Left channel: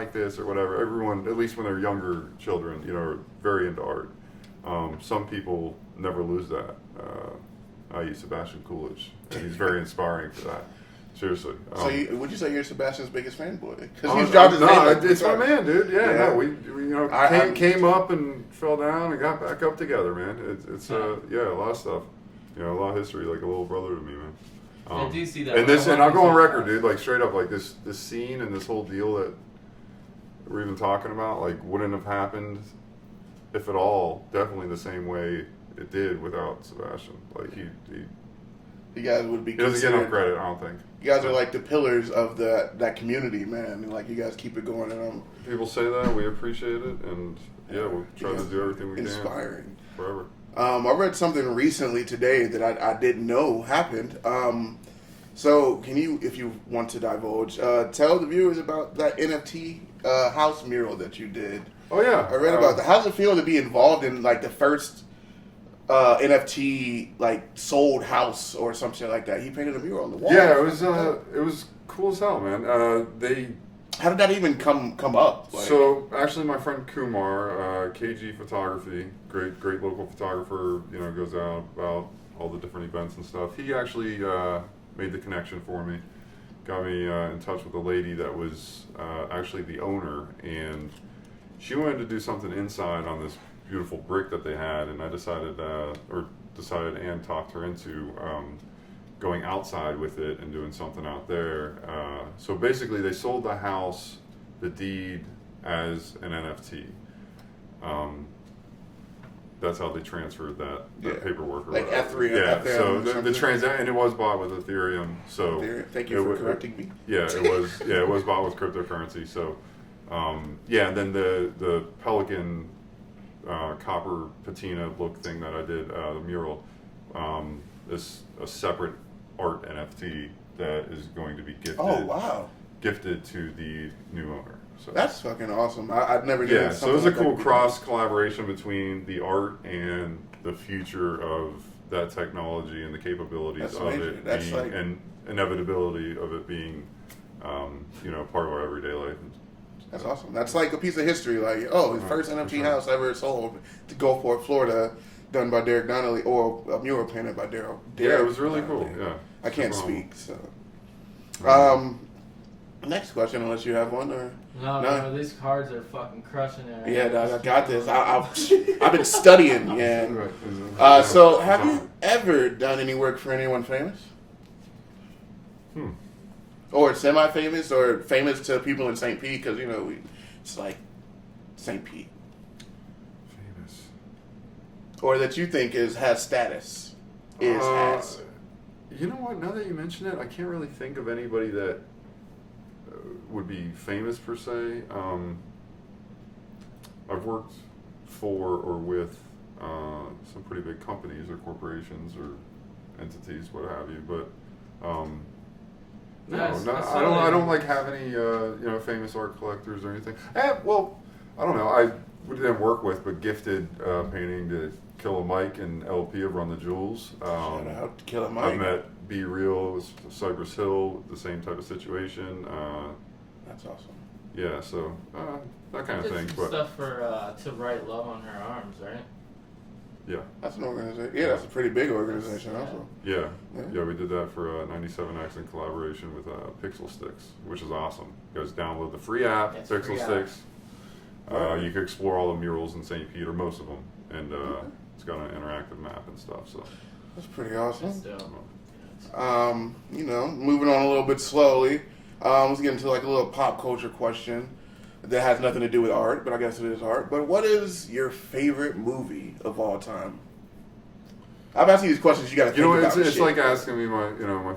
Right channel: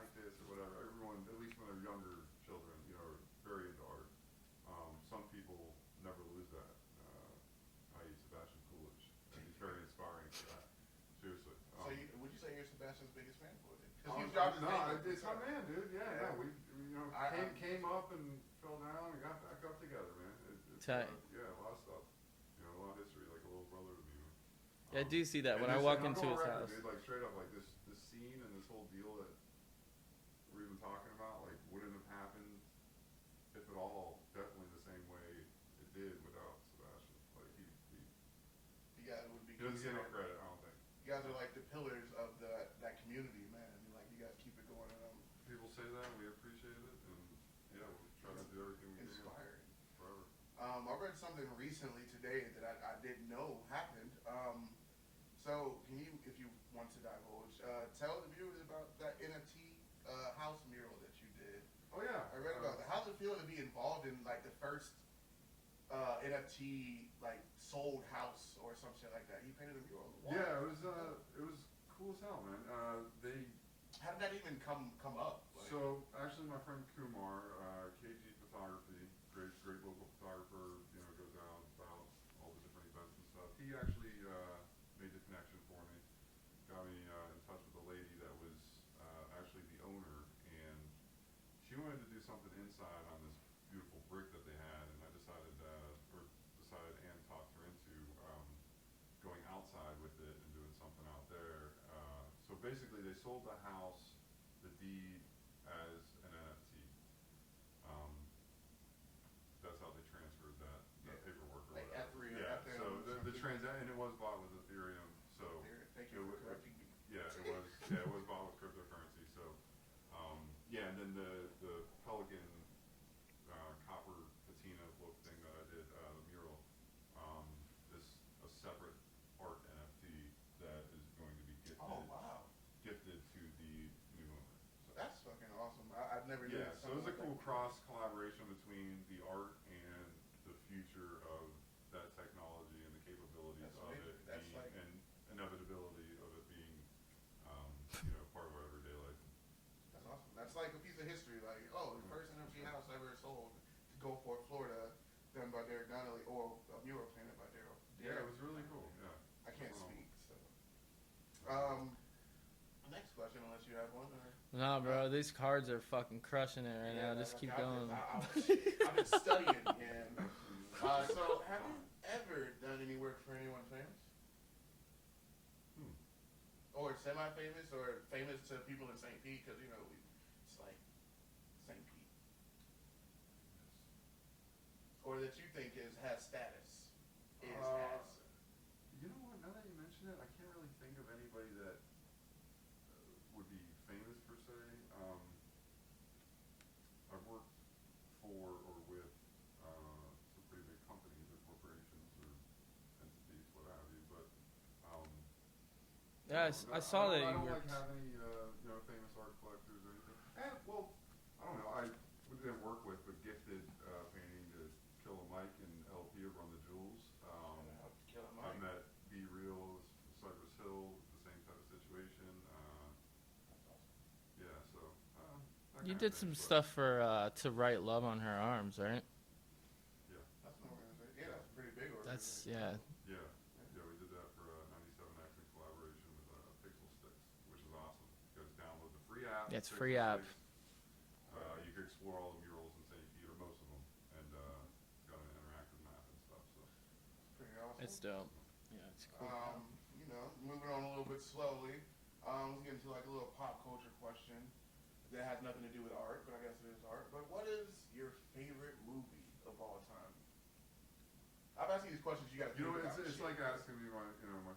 like this or whatever. Everyone, at least when they're younger children, are very into art. Some people never lose that. I.e. Sebastian Coolidge, and he's very inspiring for that. Seriously. So would you say you're Sebastian's biggest fanboy? Because he's dropped his name. No, it's my man, dude. Yeah. No, we came up and fell down and got back up together, man. It's a lot of stuff. A lot of history, like a little brother to me, man. I do see that. And I'll go on record, dude. Like straight up, like this scene and this whole deal that we're even talking about, like wouldn't have happened, if at all, definitely the same way it did without Sebastian. Like he you guys would be. He doesn't get enough credit, I don't think. You guys are like the pillars of that community, man. And like you guys keep it going. And people say that, we appreciate it, and we'll try to do everything we can. Inspiring. Forever. I read something recently today that I didn't know happened. So can you, if you want to divulge, tell the viewers about that NFT house mural that you did? Oh yeah, I read about that. How does it feel to be involved in like the first NFT like sold house or some shit like that? He painted a mural on the wall. Yeah, it was cool as hell, man. How did that even come up? Like, so actually, my friend Kumar, KG Photography, great local photographer, goes out about all the different events and stuff. He actually made the connection for me, got me in touch with a lady that was actually the owner, and she wanted to do something inside on this beautiful brick that they had, and I decided and talked her into going outside with it and doing something out there. So basically, they sold the house, the deed, as an NFT. That's how they transferred that paperwork. Or like whatever. F3. Yeah. So and it was bought with Ethereum. So thank you for correcting me. Yeah, it was. Yeah, it was bought with cryptocurrency. So and then the Pelican copper patina look thing that I did, the mural, is a separate art NFT that is going to be gifted. Oh wow! Gifted to the new owner. So that's fucking awesome. I'd never did. Yeah, so it was a cool cross collaboration between the art and the future of that technology and the capabilities of it, and inevitability of it being, part of our everyday life. That's awesome. That's like a piece of history. Like, the first NFT house ever sold to Gulfport, Florida, done by Derek Donnelly, or a mural painted by Daryl. Yeah, it was really cool. Yeah, I can't speak. So, next question, unless you have one or no. Bro, these cards are fucking crushing it. Yeah, dog, I got this. I've been studying. Yeah. So, have you ever done any work for anyone famous? Or semi-famous, or famous to people in St. Pete, because, it's like St. Pete. Famous. Or that you think has status. Has. You know what, now that you mention it, I can't really think of anybody that would be famous per se. I've worked for or with some pretty big companies or corporations or entities, what have you, but... I don't like have any famous art collectors or anything. Well, I don't know. We didn't work with, but gifted painting to Killer Mike and LP of Run the Jewels. Shout out to Killer Mike. I met Be Real, Cypress Hill, the same type of situation. That's awesome. Yeah, so that kind of thing. But stuff for to write love on her arms, right? Yeah. That's an organization. Yeah, that's a pretty big organization also. Yeah, we did that for 97X in collaboration with Pixel Sticks, which is awesome. You guys download the free app, Pixel Sticks. You can explore all the murals in St. Pete, or most of them, and it's got an interactive map and stuff. So that's pretty awesome. That's dope. Moving on a little bit slowly. Let's get into like a little pop culture question that has nothing to do with art, but I guess it is art. But what is your favorite movie of all time? I'm asking these questions. You got to think about. It's like asking me my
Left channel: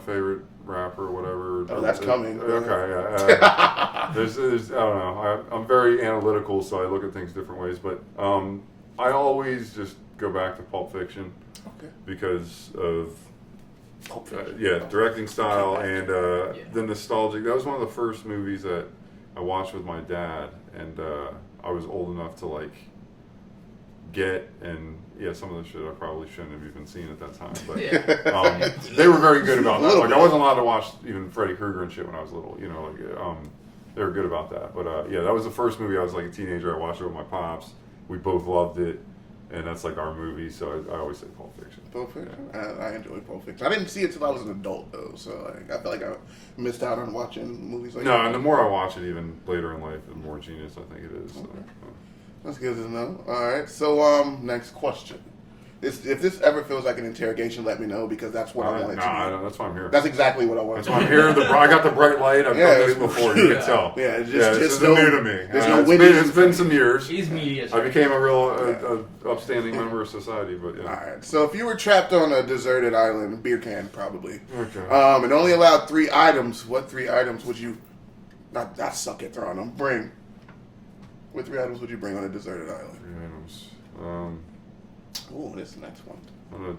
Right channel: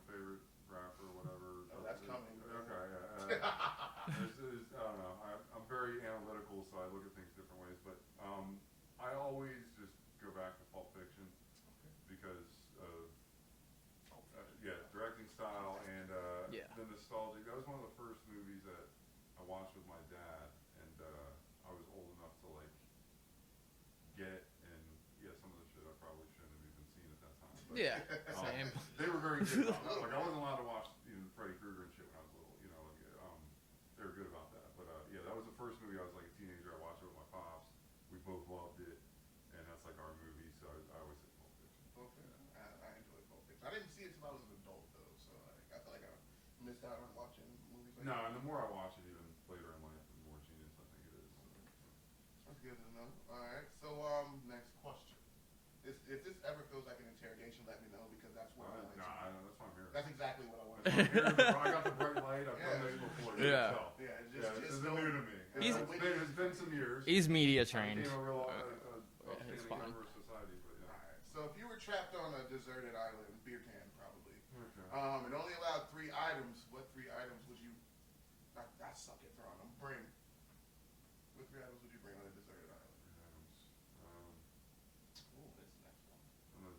favorite rapper or whatever. Oh, that's coming. Okay, yeah. There's I don't know. I'm very analytical, so I look at things different ways. But I always just go back to Pulp Fiction, because of directing style and the nostalgic. That was one of the first movies that I watched with my dad, and I was old enough to like get, and some of the shit I probably shouldn't have even seen at that time, but they were very good about that. Like I wasn't allowed to watch even Freddy Krueger and shit when I was little, they were good about that. But yeah, that was the first movie. I was like a teenager. I watched it with my pops. We both loved it, and that's like our movie. So I always say Pulp Fiction. Pulp Fiction. I enjoy Pulp Fiction. I didn't see it till I was an adult though, so like, I feel like I missed out on watching movies like that. No, and the more I watch it, even later in life, the more genius I think it is. So, Okay. That's good to know. All right. So next question. If this ever feels like an interrogation, let me know because that's what I want it to be. That's why I'm here. That's exactly what I want. That's why I'm here. I got the bright light. I've done this before. You can tell. Yeah, this isn't new to me. There's no it's been some years. He's media. I became a real upstanding member of society, but yeah. All right. So if you were trapped on a deserted island, beer can probably, Okay. and only allowed 3 items, what 3 items would you? I suck at throwing them. Bring. What 3 items would you bring on a deserted island? 3 items. Oh, this next one.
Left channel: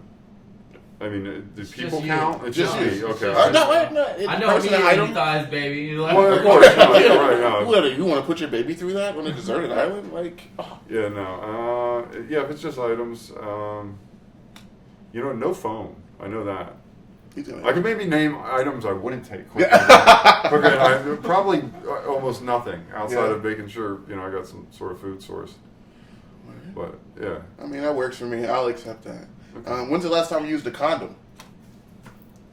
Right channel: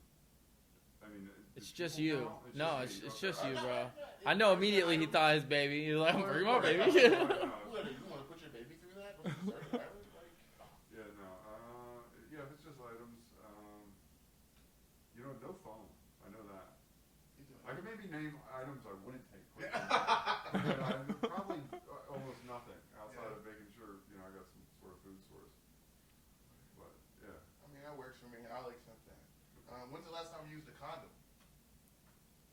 I mean, do It's people just count? you. It's just No, me. it's Okay. just- No, wait, I know personal me item. thighs, baby. You like, Well, of course. No, right, no. What, you want to put your baby through that on a deserted island? Like, Yeah, no. Yeah, if it's just items, no phone. I know that. he's gonna- I can maybe name items I wouldn't take. Okay, probably almost nothing outside of making sure I got some sort of food source. But yeah, I mean, that works for me. I'll accept that. When's the last time you used a condom?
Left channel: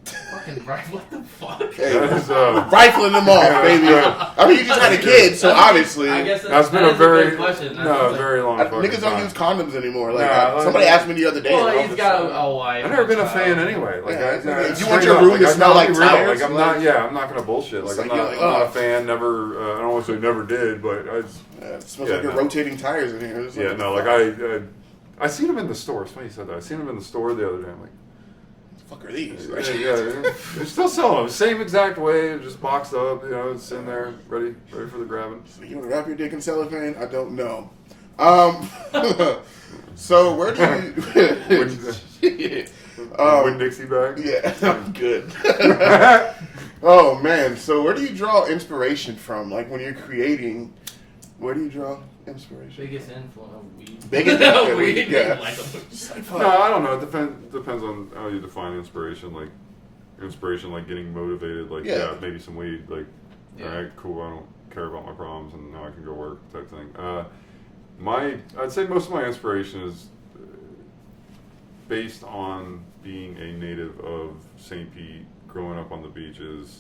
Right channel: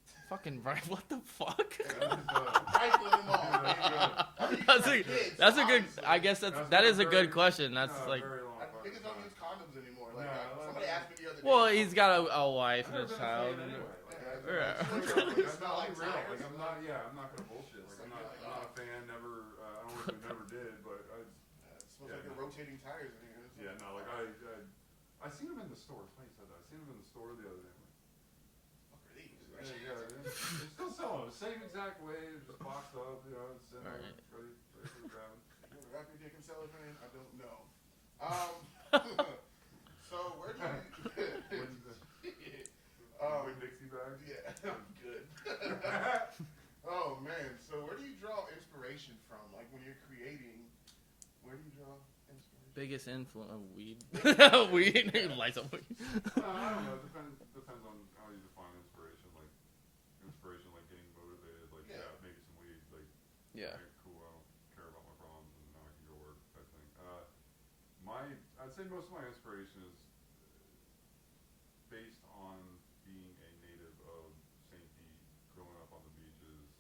fucking right. What the fuck? Hey, that is, rifling them off, baby. I mean, you just had a kid, so obviously. I guess that's been that a is very good question. That's no, like- very long. fucking Niggas don't time. use condoms anymore. Like Nah, somebody asked me the other day. Well, and I he's was got just like, a wife. I've never been a and fan child. anyway. Like, Yeah, if you straight want your up, room to I'm smell not like gonna be real. tires, Like I'm like- not. Yeah, I'm not gonna bullshit. Like It's I'm like, not. you're like, I'm not a ugh. fan. Never. I don't want to say never did, but it smells Yeah, like you're no. rotating tires in here. It's yeah, no. Like I seen them in the store. It's funny you said that. I seen them in the store the other day. I'm like. Fuck are these? Yeah, they're still selling them. Same exact way, just boxed up. It's in there, ready for the grabbing. So you want to wrap your dick in cellophane? I don't know. So where do you? Win Dixie bag. Yeah, I'm good. Oh man, so where do you draw inspiration from? Like when you're creating, where do you draw inspiration? Biggest influence of weed. Biggest weed. yeah. Like, No, I don't know. It depends on how you define inspiration. Like inspiration, like getting motivated. Like maybe some weed. Like all right, cool. I don't care about my problems, and now I can go work type thing. I'd say most of my inspiration is based on being a native of St. Pete, growing up on the beaches,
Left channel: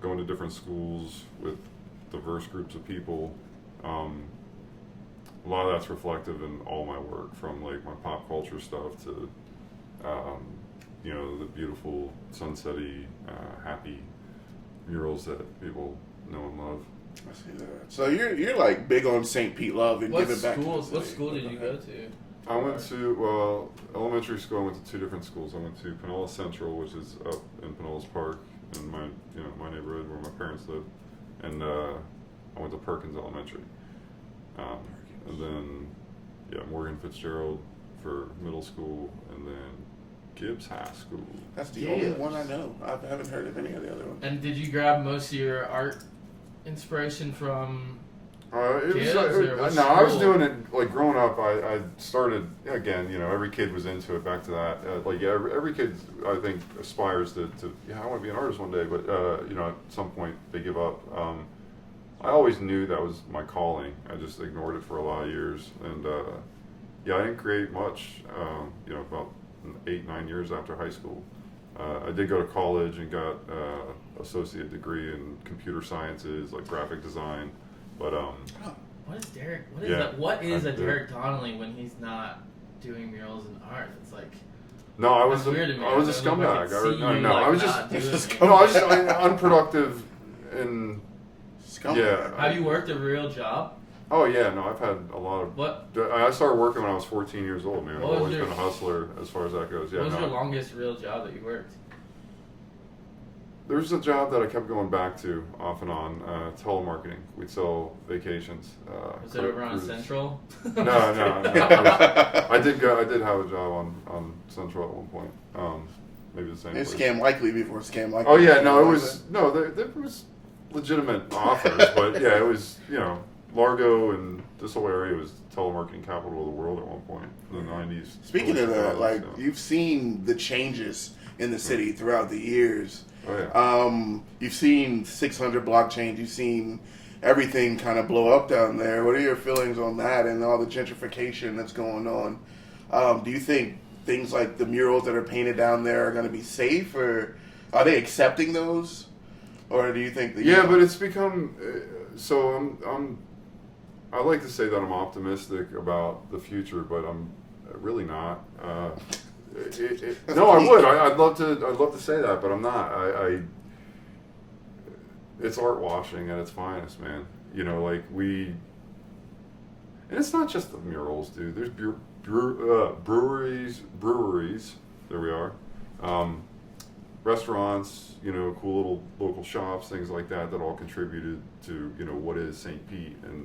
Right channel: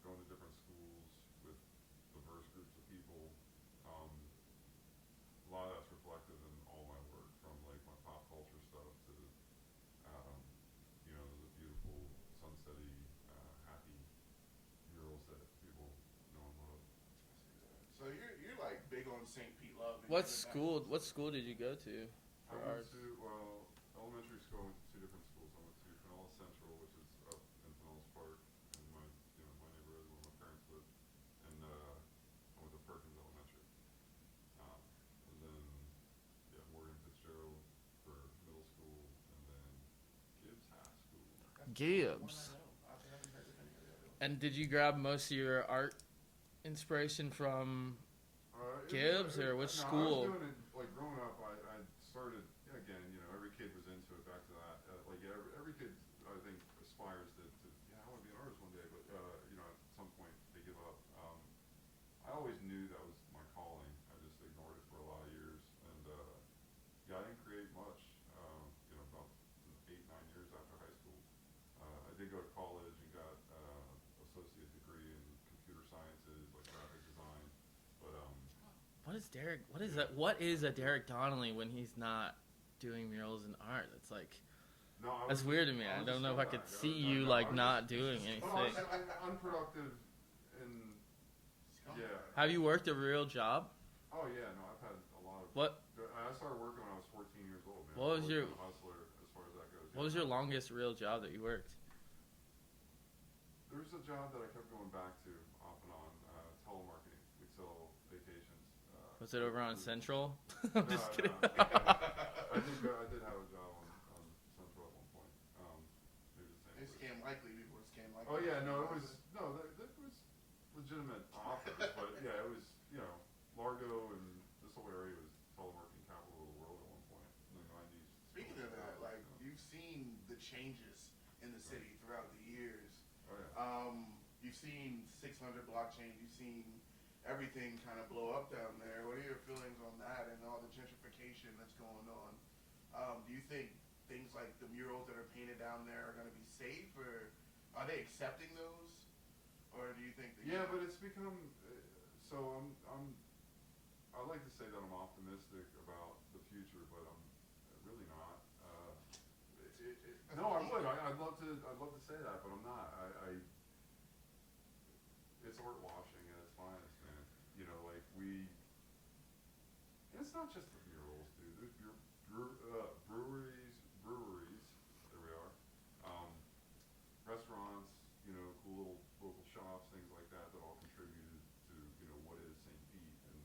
going to different schools with diverse groups of people. A lot of that's reflective in all my work, from like my pop culture stuff to, the beautiful sunsetty, happy murals that people know and love. I see that. So you're like big on St. Pete love and what giving back. what school did you go to? I went to, elementary school. I went to 2 different schools. I went to Pinellas Central, which is up in Pinellas Park, in my neighborhood where my parents live, and I went to Perkins Elementary, and then Morgan Fitzgerald for middle school, and then Gibbs High School. That's the only one I know. I haven't heard of any of the other ones. And did you grab most of your art inspiration from? It Kids, or was, what I was school? doing it like growing up. I started again. Every kid was into it. Back to that, every kid I think aspires to I want to be an artist one day. But at some point they give up. I always knew that was my calling. I just ignored it for a lot of years, and I didn't create much. About 8-9 years after high school, I did go to college and got associate degree in computer sciences, like graphic design. But What is Derek? What is that? What is a Derek Donnelly when he's not doing murals and art? It's like no, I was that's weird to me. I was a I don't know if I scumbag. could see you, I was not doing just it. no, I was just unproductive. And Scumbag. yeah, Have you worked a real job? oh yeah, no, I've had a lot of. What? I started working when I was 14 years old, man. I've What was always your- been a hustler as far as that goes. Yeah, What was no. your longest real job that you worked? There's a job that I kept going back to off and on, telemarketing. We'd sell vacations. Was it over on cruises. Central? No. I did have a job on Central at one point. Maybe the same It's place. Scam Likely before Scam Likely. Oh yeah, no, it was there was legitimate offers, but yeah, it was Largo and this whole area was telemarketing capital of the world at one point in the 90s. Speaking of that, like so. you've seen the changes in the city throughout the years. Oh yeah. You've seen 600 blockchains. You've seen everything kind of blow up down there. What are your feelings on that and all the gentrification that's going on? Do you think things like the murals that are painted down there are going to be safe, or are they accepting those, or do you think that? Yeah, but it's become so. I like to say that I'm optimistic about the future, but I'm really not. No, I would. I'd love to say that, but I'm not. It's art washing at its finest, man. You know, like and it's not just the murals, dude. There's breweries. There we are. Restaurants, you know, cool little local shops, things like that all contributed to, you know, what is St. Pete and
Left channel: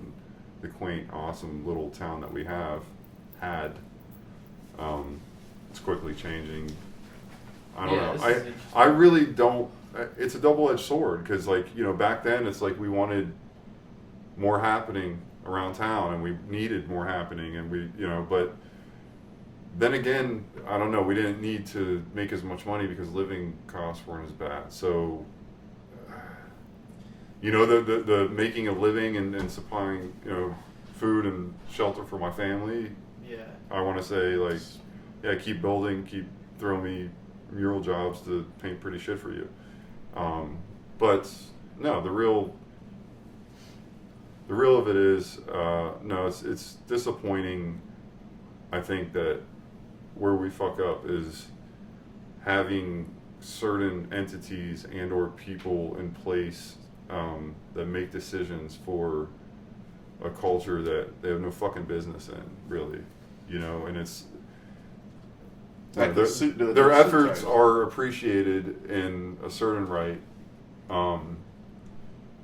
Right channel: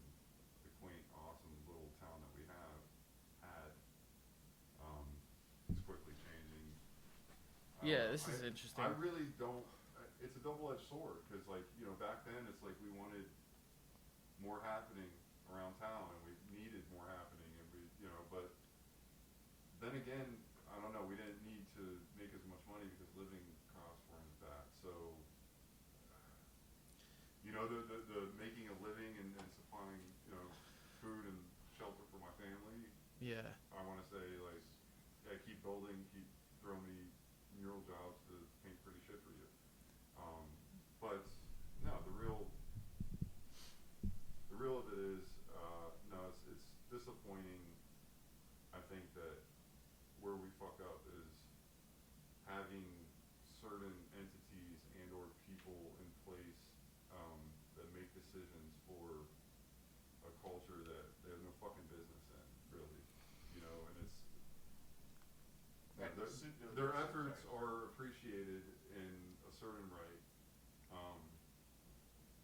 the quaint, awesome little town that we had. It's quickly changing. I don't know. I really don't. It's a double-edged sword because, like, you know, back then it's like we wanted more happening around town and we needed more happening, and we, you know, but then again, I don't know. We didn't need to make as much money because living costs weren't as bad. So, you know, the making a living and supplying, you know, food and shelter for my family. Yeah. I want to say, like, yeah, keep building, keep throwing me mural jobs to paint pretty shit for you. But no, the real of it is, no, it's disappointing. I think that where we fuck up is having certain entities and or people in place that make decisions for a culture that they have no fucking business in, really, you know, and it's like their efforts are appreciated in a certain right,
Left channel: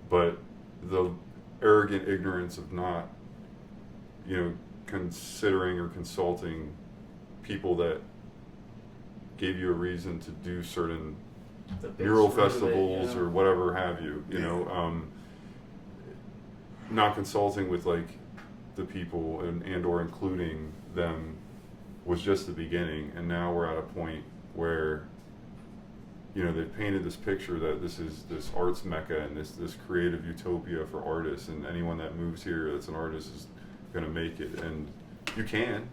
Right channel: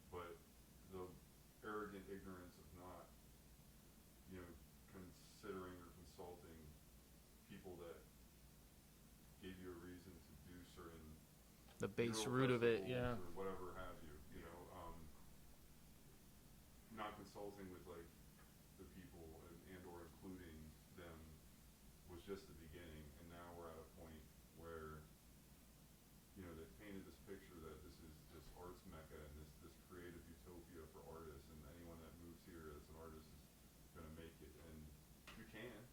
but the arrogant ignorance of not, you know, considering or consulting people that gave you a reason to do certain mural festivals or whatever have you, you know, not consulting with like the people and or including them was just the beginning, and now we're at a point where, you know, they've painted this picture that this is this arts mecca and this creative utopia for artists, and anyone that moves here that's an artist is going to make it, and you can,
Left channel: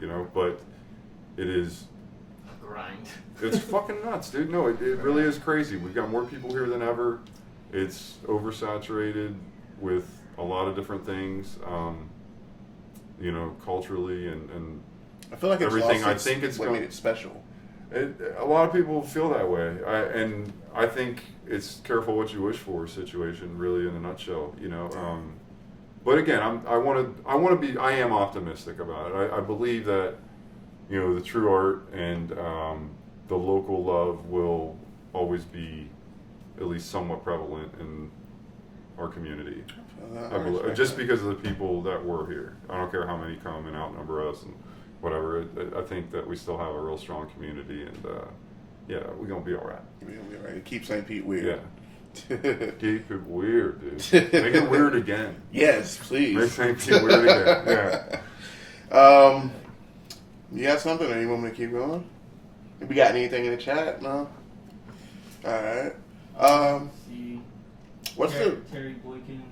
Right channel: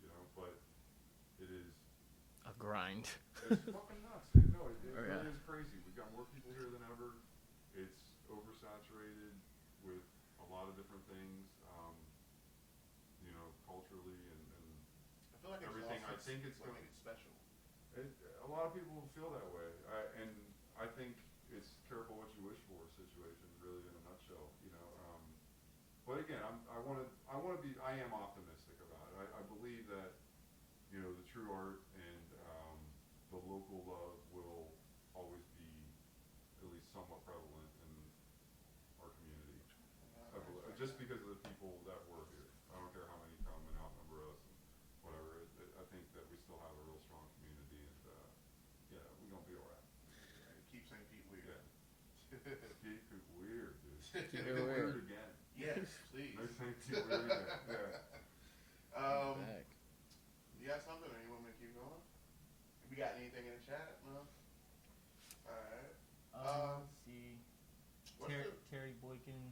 you know, but it is a grind. It's fucking nuts, dude. No, it really is crazy. We've got more people here than ever. It's oversaturated with a lot of different things, you know, culturally and I feel like it's everything. Also I think it's what made it special. A lot of people feel that way, and I think it's careful what you wish for situation, really, in a nutshell, you know. But again, I am optimistic about it. I believe that, you know, the true art and the local love will always be at least somewhat prevalent in our community. I believe, just because of the people that were here. I don't care how many come and outnumber us and whatever. I think that we still have a real strong community, and yeah, we're gonna be all right. We're gonna be all right. Keep St. Pete weird. Yeah. Keep it weird, dude. Make it weird again. Yes, please. Make St. Pete weird again. Yeah. You got something, or you want me to keep going? We got anything in the chat? No. All right. See, What's Terry Boykin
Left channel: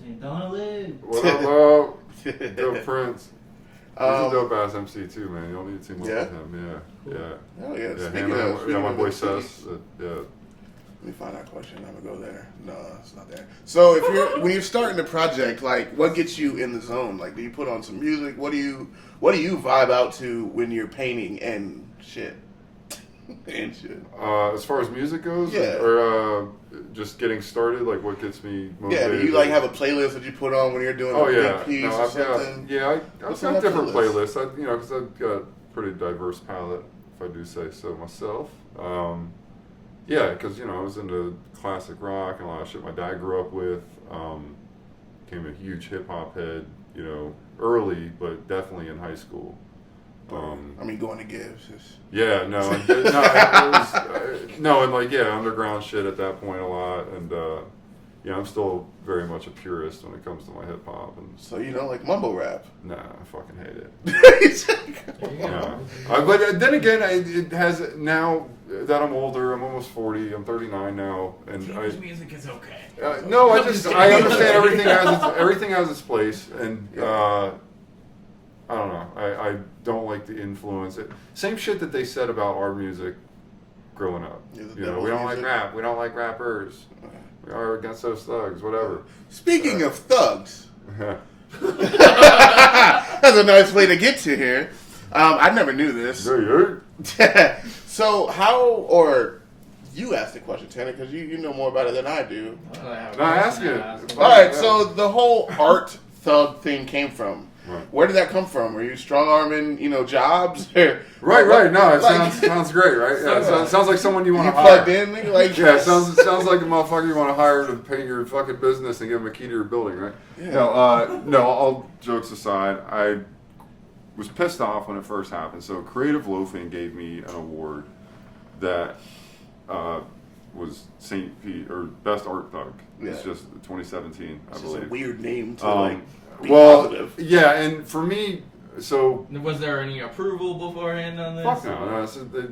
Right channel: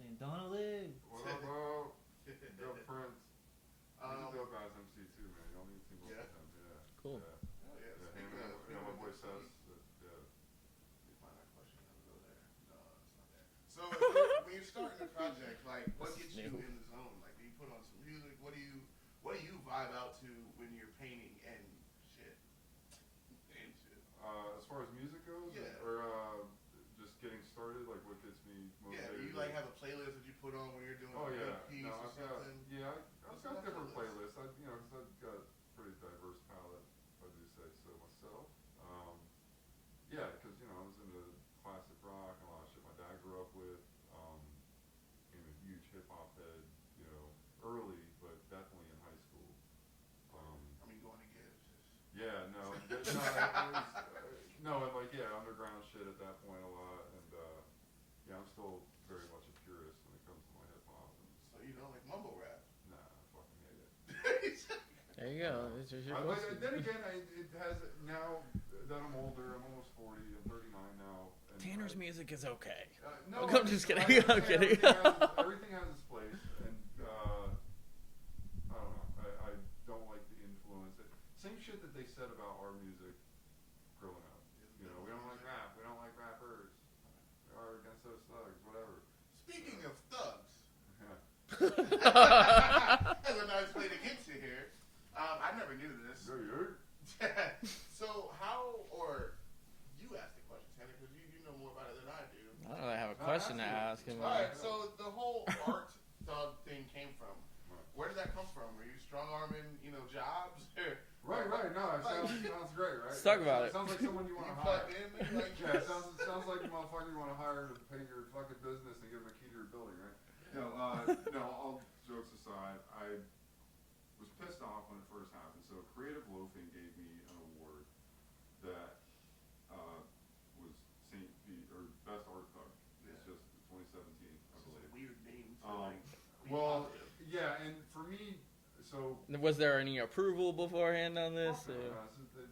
saying Donnelly? What up, love? the Dope Prince. He's a dope ass MC too, man. Y'all need to team up with him. Yeah, Cool. yeah. Oh yeah. Yeah, Speaking him of, and my boy MCs, Sess. Yeah. Let me find that question. I'm gonna go there. No, it's not there. So when you're starting the project, like, what gets you in the zone? Like, do you put on some music? What do you vibe out to when you're painting and shit? And shit. As far as music goes, Yeah. or just getting started, like what gets me motivated? Yeah, do you like have a playlist that you put on when you're doing a big piece or I've got, something? I've got different playlists. Because I've got a pretty diverse palette, if I do say so myself. Yeah, because, you know, I was into classic rock and a lot of shit my dad grew up with. Became a huge hip hop head, you know, early, but definitely in high school. I mean, going to gigs. Yeah, no, and like, yeah, underground shit at that point a lot, and yeah, I'm still very much a purist when it comes to my hip hop. And So you don't like mumble rap? nah, I fucking hate it. There you go. Yeah. But then again, it has, now that I'm older, I'm almost 40, I'm 39 now, and Teenage music is okay. no, I understand everything has its place, and I don't know, I don't like the influence. Same shit that they said about our music growing up. You know, we don't like rap, we don't like rappers, we are against those thugs, whatever. Speaking of thugs, that's a nice way to get to here. I never knew this. So or you asked the question, Tanner, because you know more about it than I do. I ask it. All right, so the whole art thug thing came from. Right. Where did that come from? Were you strong arming, jobs? Right. No, it sounds great, right? Yeah, it sounds like someone you want to hire. Plugged in, nigga? Like, yeah, it sounds like a motherfucker you want to hire to pay your fucking business and give him a key to your building, right? Yeah. No, all jokes aside, I was pissed off when it first happened. So Creative Loafing gave me an award that was St. Pete, or Best Art Thug. Yeah. It's just 2017, I believe. It's a weird name to be well, positive. yeah, and for me, so was there any approval beforehand on this? fuck no.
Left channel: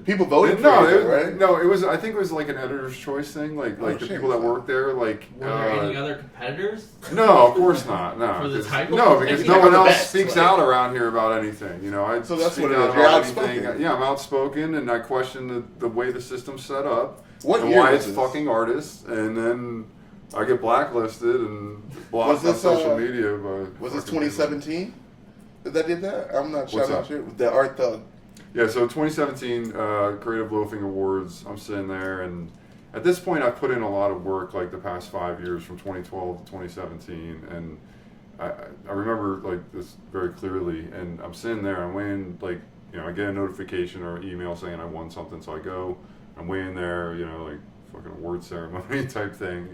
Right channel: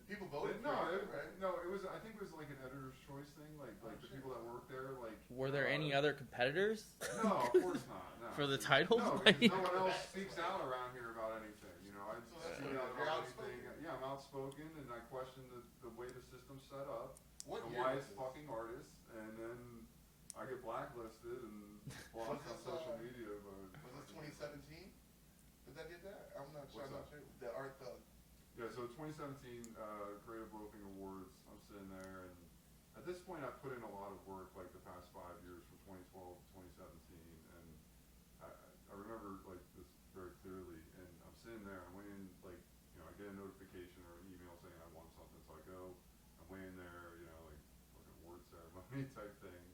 People voted no, for it, right? No, it was. I think it was like an editor's choice thing. Like the people that work there, like. Were there any other competiters? No, of course not. No, For the title? no, because no one else best, speaks out around here about anything. So that's speak what it out is. You're about outspoken. anything. Yeah, I'm outspoken, and I question the way the system's set up. What and year why was it's this? fucking artists, and then I get blacklisted and blocked on this, social media. Was this 2017 that did that? I'm not What's sure. The Art Thug. Yeah, so 2017 Creative Loafing Awards, I'm sitting there, and at this point I've put in a lot of work, like the past 5 years, from 2012 to 2017, and I remember like this very clearly, and I'm sitting there, I'm waiting, like, I get a notification or an email saying I won something, so I go, I'm waiting there, like fucking award ceremony type thing,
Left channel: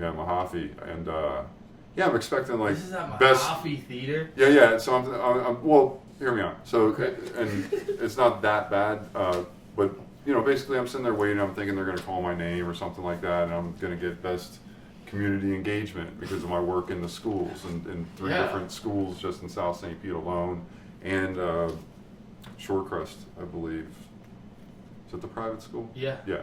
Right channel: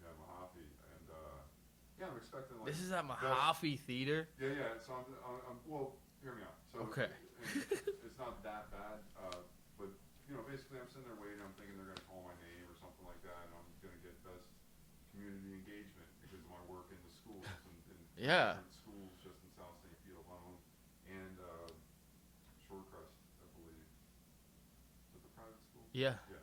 Mojave, and yeah, I'm expecting like This is at best Mojave Theater. Yeah. So I'm well. Hear me out. So, and it's not that bad, but basically, I'm sitting there waiting. I'm thinking they're going to call my name or something like that, and I'm going to get best community engagement because of my work in the schools and in 3 different schools just in South St. Pete alone, and Shorecrest, I believe. Is it the private school? Yeah. Yeah.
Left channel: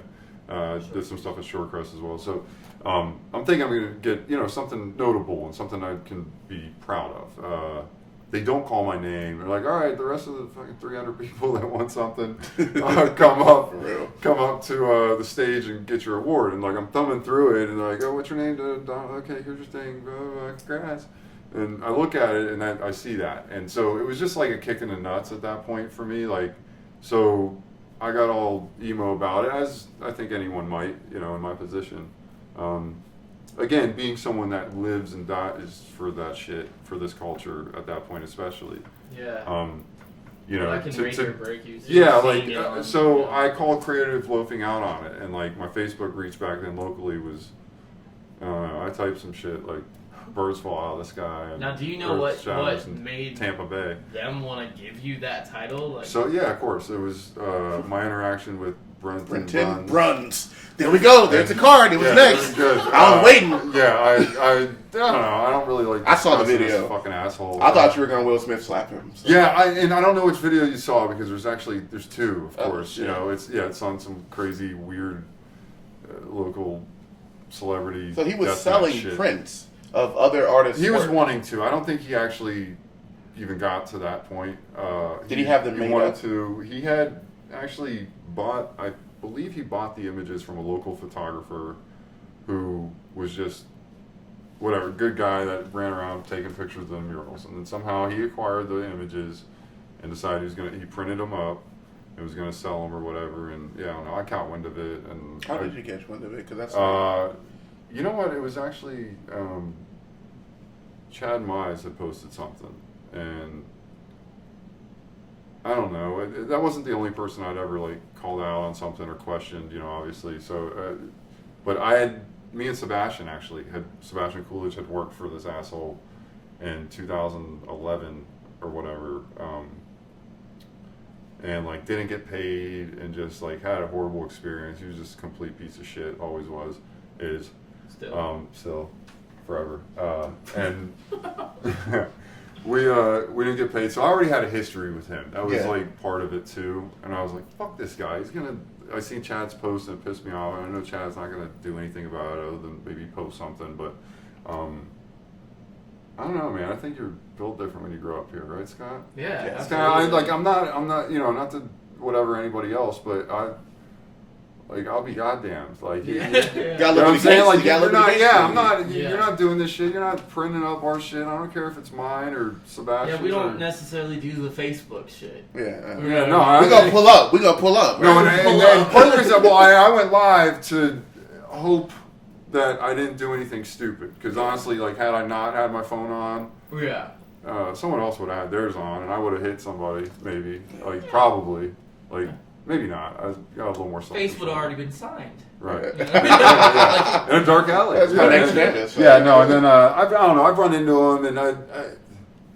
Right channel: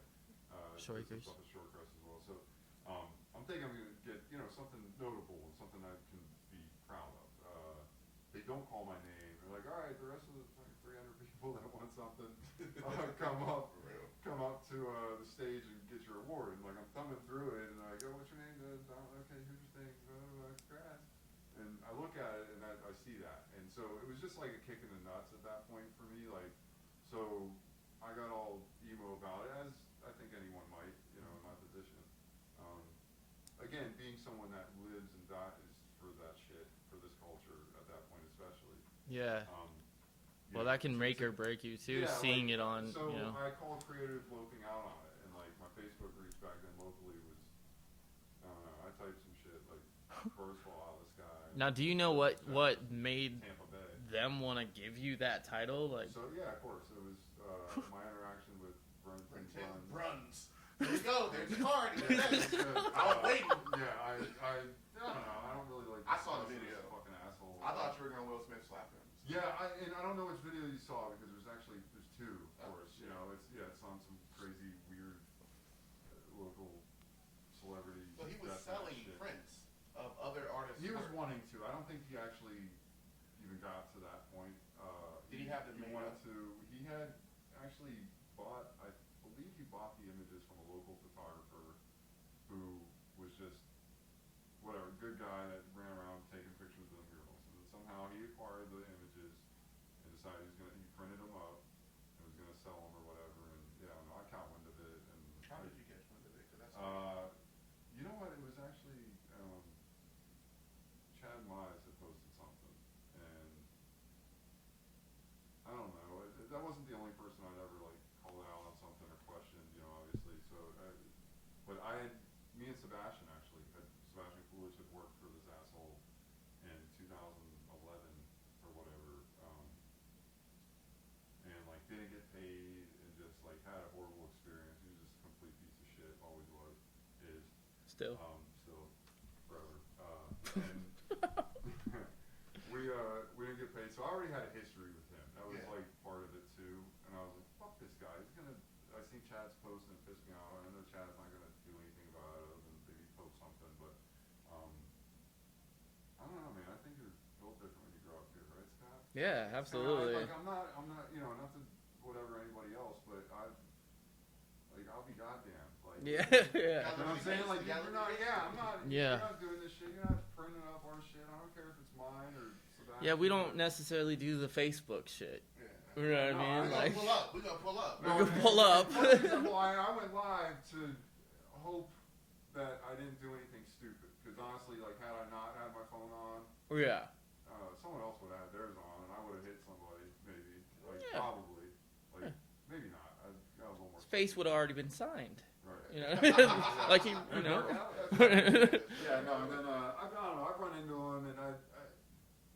Did some stuff at Shorecrest as well. So. I'm thinking I'm going to get, something notable and something I can be proud of. They don't call my name. They're like, all right, the rest of the fucking 300 people that want something, come up to the stage and get your award. And like, I'm thumbing through it, and they're like, oh, what's your name? Okay, here's your thing. Congrats. And I look at it, and I see that. And so it was just like a kick in the nuts at that point for me. Like, so I got all emo about it, as I think anyone might, in my position. Again, being someone that lives and dies for that shit, for this culture at that point especially. Yeah. Well, I can make or break you. Yeah, like, I called Creative Loafing out on it, and like my Facebook reach back then locally was, I typed some shit like birds fall out of the sky. Now, do you know what made Tampa Bay them want to give you that title? Like, so yeah, of course, it was my interaction with Brenton Bruns. There we go. There's the card. It was next. I was waiting. Yeah, I don't know. I don't really like. I saw the video. Fucking asshole. I thought you were gonna Will Smith slap him. So. Yeah, and I don't know which video you saw because there's 2, of course. Shit. It's on some crazy weird local celebrity. So he was selling prints of other artists. He was wanting to. I don't think he actually even got to that point. Did he have them made wanted up? to. He had actually bought. I believe he bought the images from a local photographer who was just whatever, good guy that ran around taking pictures of the murals, and then somehow he acquired the images and decided he printed them up and was gonna sell them or whatever. And yeah, I don't know. I caught wind of it. And how did you catch wind of it? Because that's you know what? It was actually Chad Mize had posted something, and I don't know. That wasn't the only person I'd ever like called out on something or questioned, obviously. So, but me and Sebastian Coolidge had worked for this asshole in 2011 or whatever, and like didn't get paid and just like had a horrible experience. He was just a complete piece of shit. Always was. Still, forever. And we didn't get paid, so I already had a history with him. That was like part of it too. And I was like, fuck this guy. I seen Chad's post and it pissed me off. I know Chad's not gonna do anything about it other than maybe post something, but I don't know, man. I think you're built different when you grow up here, right, Scott? Yeah, It's kinda, I'm not, not to whatever anybody else, but I'll be goddamned. Like, yeah. You know what I'm saying? Like, you're Yeah. not doing this shit. You're not printing up our shit. I don't care if it's mine or Sebastian's. Yeah, we don't necessarily do the Facebook shit. Yeah. No, We're gonna pull up. No, Right? and part of the reason, I went live to hope that I didn't do anything stupid. Because honestly, like, had I not had my phone on, Yeah. someone else would have had theirs on, and I would have hit somebody, maybe. Like, probably. Like, maybe not. I got a little more self-control. Face would have already been signed. Right. Yeah. In a dark alley. That's my next and then I don't know. I've run into him, and I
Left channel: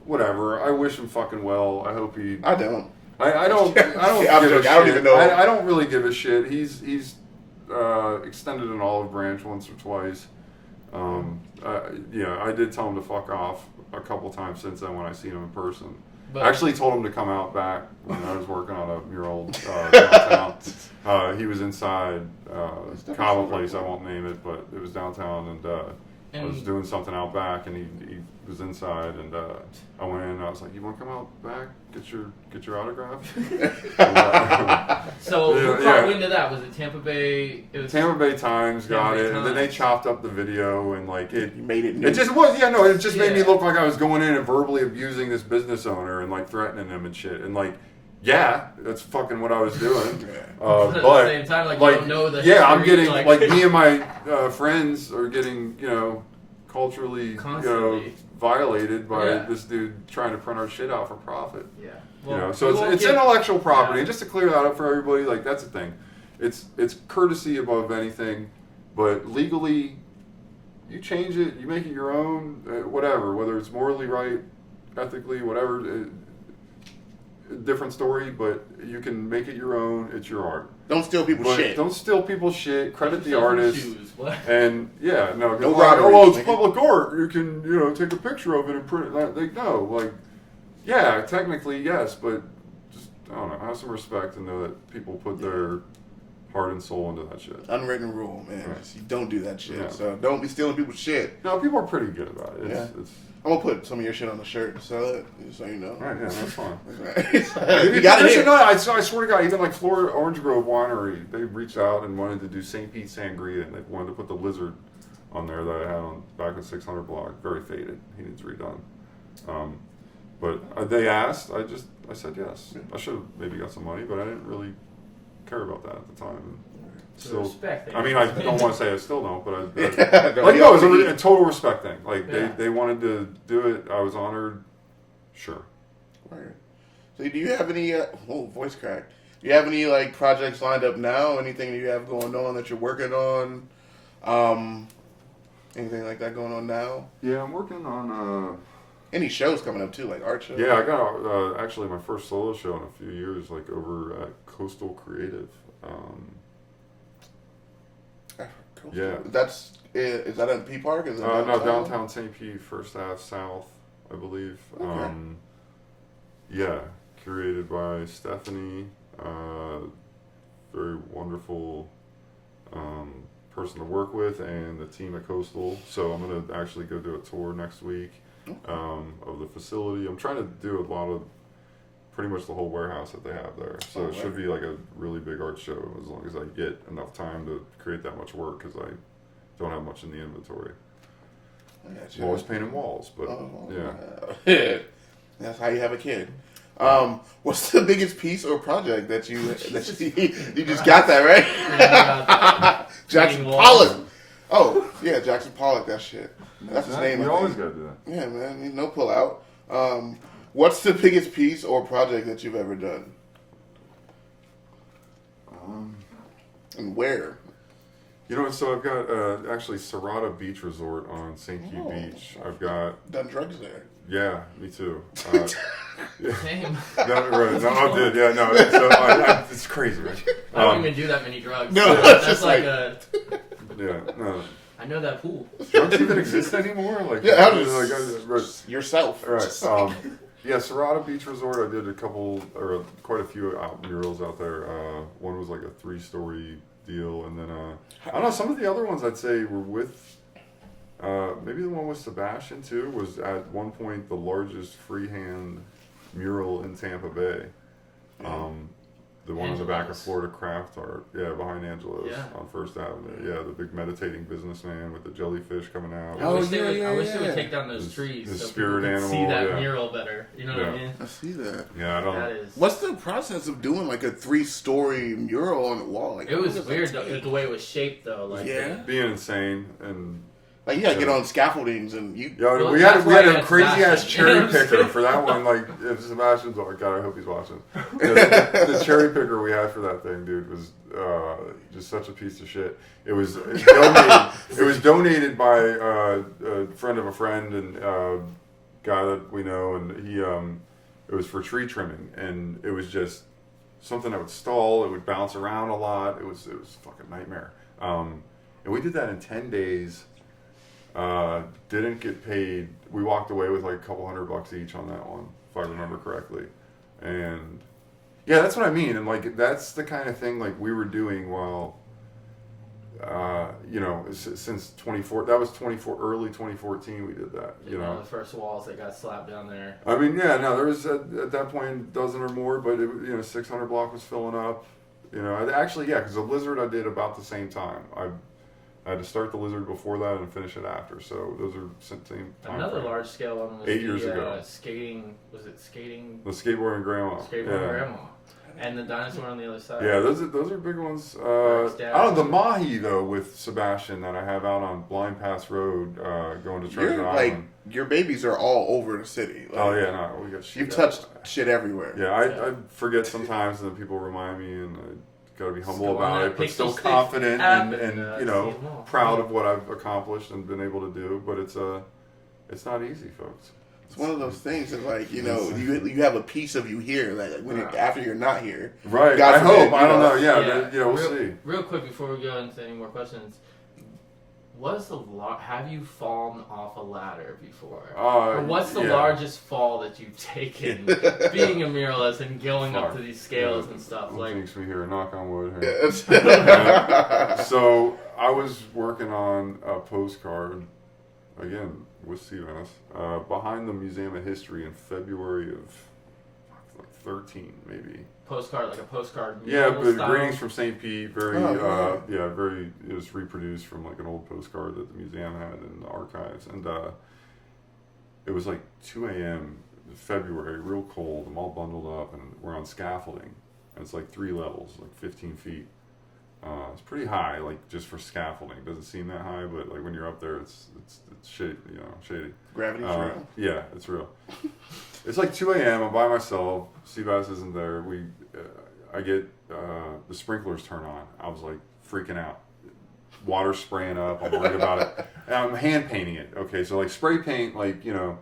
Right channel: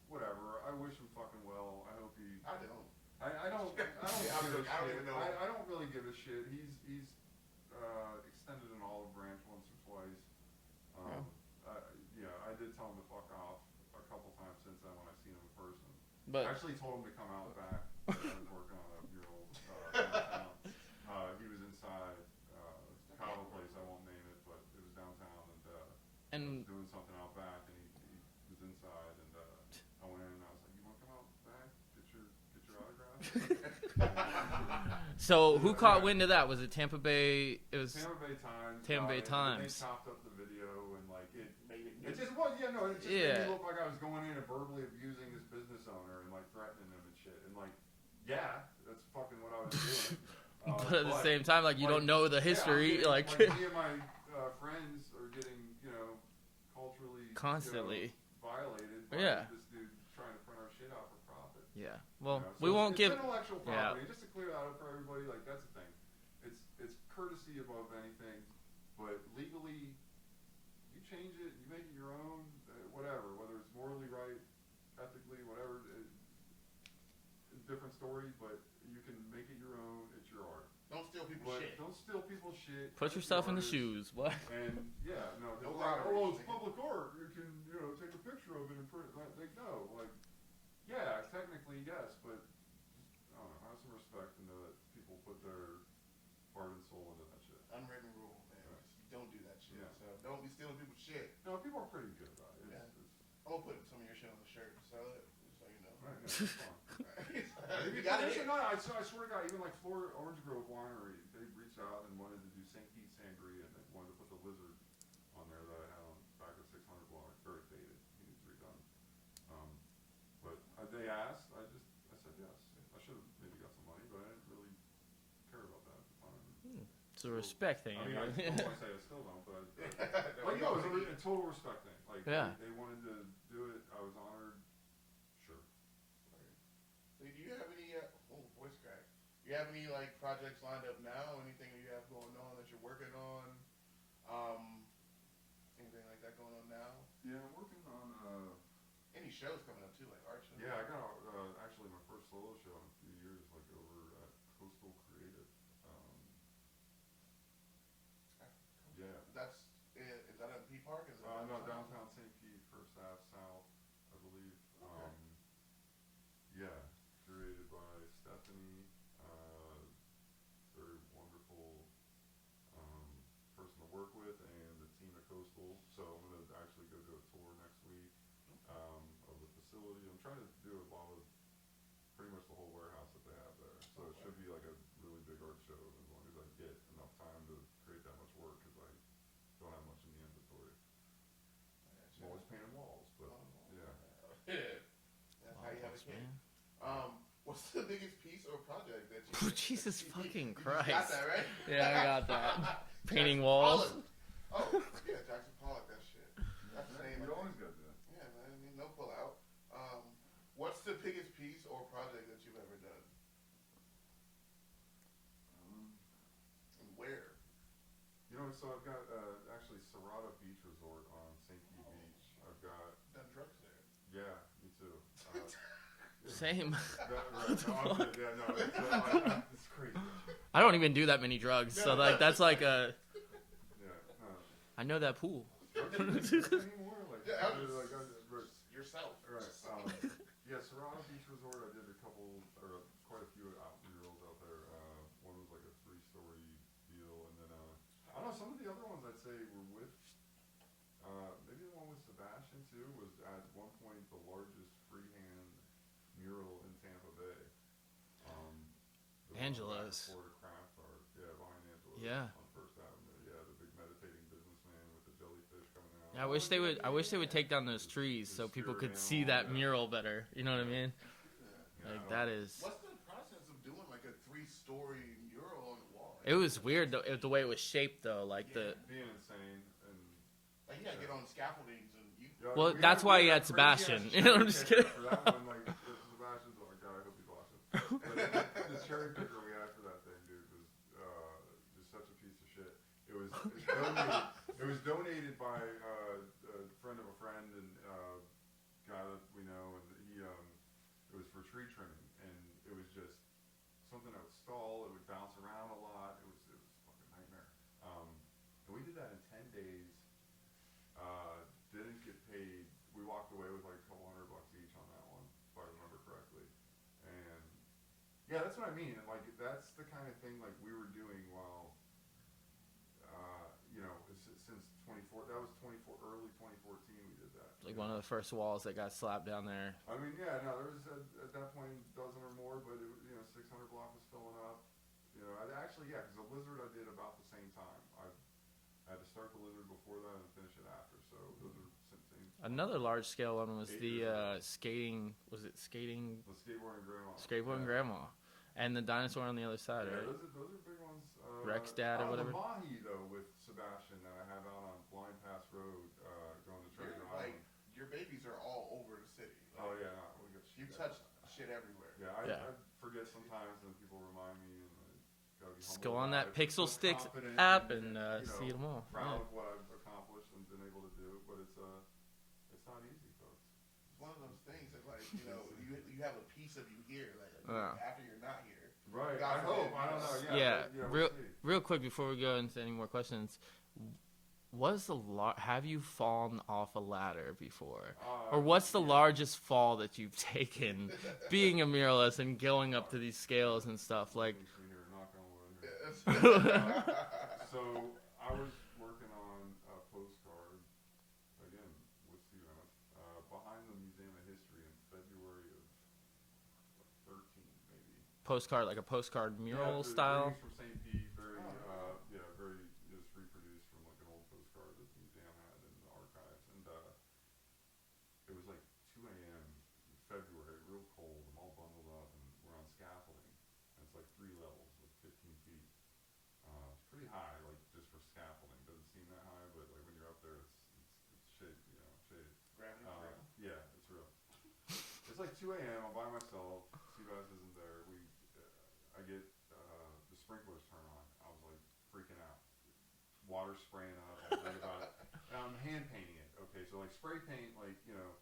whatever. I wish him fucking well. I hope he. I don't. I don't give a shit. I don't even know. I don't really give a shit. He's extended an olive branch once or twice. I did tell him to fuck off a couple times since then when I seen him in person. But I actually told him to come out back when I was working on a mural downtown. He was inside Cava place, I won't name it, but it was downtown, and I was doing something out back, and he was inside, and I went in, and I was like, "You want to come out back, get your autograph?" So who caught wind of that? Was it Tampa Bay? It was Tampa Bay Times got Bay it, Times. and then they chopped up the video, and like You made it. it just was, it just made me Yeah. look like I was going in and verbally abusing this business owner and like threatening him and shit. And like, yeah, that's fucking what I was doing. But at But the same time, like you don't know the I'm history, getting like me and my friends are getting culturally Constantly. Violated by Yeah. this dude trying to print our shit out for profit. Yeah. So it's intellectual property. And just to clear that up for everybody, like that's the thing. It's courtesy above anything, but legally, you change it, you make it your own, whatever. Whether it's morally right, ethically, whatever, different story. But you can make it your own. It's your art. Don't steal people's shit. Don't steal people's shit. Credit the Yourself in artist. shoes. What? And No like, robberies, it's nigga. public art. You can take a picture of it and print it. Like no, yeah, technically yes, but just I don't know. Have some respect and know that people put their heart and soul into that shit. Unwritten rule, man. Right. You don't do that shit. Yeah. So don't be stealing people's shit. No, people are pretty good about it. It's I'm gonna put some of your shit on the shirt and sell it, just so you know. all right, yeah, that's fine. You got it here. I swear to God, even like Florida Orange Grove Winery, they reached out and wanted to do St. Pete Sangria, and they wanted to put the lizard on there that I had on back in 600 block. Very faded. He needs redone. But they asked. I said yes. Yeah. I should have maybe got some money, but I didn't really care about that at the time. So Still, respect. I mean, I don't want to say I still don't, but Don't like be no, it was all a total respect thing. Like Yeah. they wanted to do it. I was honored. Sure. Right. So do you have any? Voice crack. Do you have any projects lined up now? Anything you have going on that you're working on? Anything like that going on now? Yeah, I'm working on. Any shows coming up too, like art shows? Yeah, I got actually my first solo show in a few years, like over at Coastal Creative. Cool. Yeah. Is that in P Park? Is it No, downtown St. Pete, First Ave South, I believe. Okay. Yeah, curated by Stephanie, very wonderful person to work with, and the team at Coastal. So I'm gonna actually go do a tour next week of the facility. I'm trying to do a lot of pretty much the whole warehouse that they have there. So it should be like a really big art show as long as I get enough time to create that much work because I don't have much in the inventory. I'm always painting walls, but yeah. That's how you have a kid. What's the biggest piece or project that you just got that right? Yeah, Jackson painting Pollock. walls. Oh yeah, Jackson Pollock. That shit. That's his name. You I always think. gotta do that. Yeah, man. No pull out. What's the biggest piece or project that you've ever done? And where? So I've got actually Serrata Beach Resort on St. Hugh Beach. I've got Done drugs there. yeah, me too. Same. I did. Yeah, no. So it's crazy, right? I don't even do that many drugs. No, so it's that's just like like- a. Yeah, no. I I know that pool. Drugs even exist anymore? Like, Yeah, yourself. All right. Yeah, Serrata Beach Resort. I did quite a few murals out there. One was like a 3-story deal, and then I don't know. Some of the other ones I'd say were with. Maybe the one with Sebastian too was at one point the largest freehand mural in Tampa Bay. The one in the back of Florida Craft Art, behind Angela's on First Avenue. Yeah, the big meditating businessman with the jellyfish coming out. I wish they would take down those trees so people could see that mural better. You know what I mean? I see that. Yeah, I don't. What's the process of doing like a 3-story mural on the wall? Like, it was weird the way it was shaped though. Like being insane and. Like you gotta get on scaffoldings and you. Yeah, we had a crazy ass cherry picker for that one. Like if Sebastian's like, God, I hope he's watching. The cherry picker we had for that thing, dude, was just such a piece of shit. It was donated by a friend of a friend and guy that we know, and he it was for tree trimming, and it was just something that would stall. It would bounce around a lot. It was a fucking nightmare. And we did that in 10 days. Didn't get paid. We walked away with like a couple $100 each on that one, if I remember correctly. And yeah, that's what I mean. And like that's the kind of thing like we were doing while, since 24. That was early 2014. We did that. You know, the first walls that got slapped down there. I mean, yeah, no, there was at that point a dozen or more, but 600 block was filling up. You know, actually, yeah, because the Lizard I did about the same time. I had to start the Lizard before that and finish it after. So those are same time. Another large scale one was 8 years ago. Skating. Was it skating? The skateboarding grandma. Skateboarding grandma. And the dinosaur on the other side. Yeah, those are big ones. The Mahi though with Sebastian that I have out on Blind Pass Road, going to Treasure Island. Like your babies are all over the city. Like, We got shit. You've touched shit everywhere. Yeah, I forget sometimes, and then people remind me, and I got to be humble about it, but still Pixel confident and proud Yeah. of what I've accomplished and been able to do. But it's not easy, folks. It's one of those things that, like, you have a piece of you here that after you're not here. Right. God I forbid, hope. I don't know. Yeah. We'll see. Real quick before we go into any more questions, have you fallen off a ladder before? Or what's the largest fall that you've taken being a muralist and going up to these scales and stuff? What like makes me here? Knock on wood. Here. Yes. So I was working on a postcard again with Steve Ennis, behind the Museum of History in February of 13, maybe. Postcard, like a postcard. Yeah, but style? greetings from St. Pete. Very, very. It was reproduced from like an old postcard that the museum had in the archives, and it was like 2 a.m. February, real cold. I'm all bundled up, and we're on scaffolding, and it's like 3 levels, like 15 feet. It's pretty high, like just for scaffolding. It doesn't seem that high, but like when you're up there, it's shady. Shady. Gravity's real. Yeah, it's real. It's like 2 a.m. I'm by myself. Seabass isn't there. I get the sprinklers turn on. I was like freaking out. Water spraying up. I'm worried about it. And I'm hand painting it. Okay, so like spray paint, like you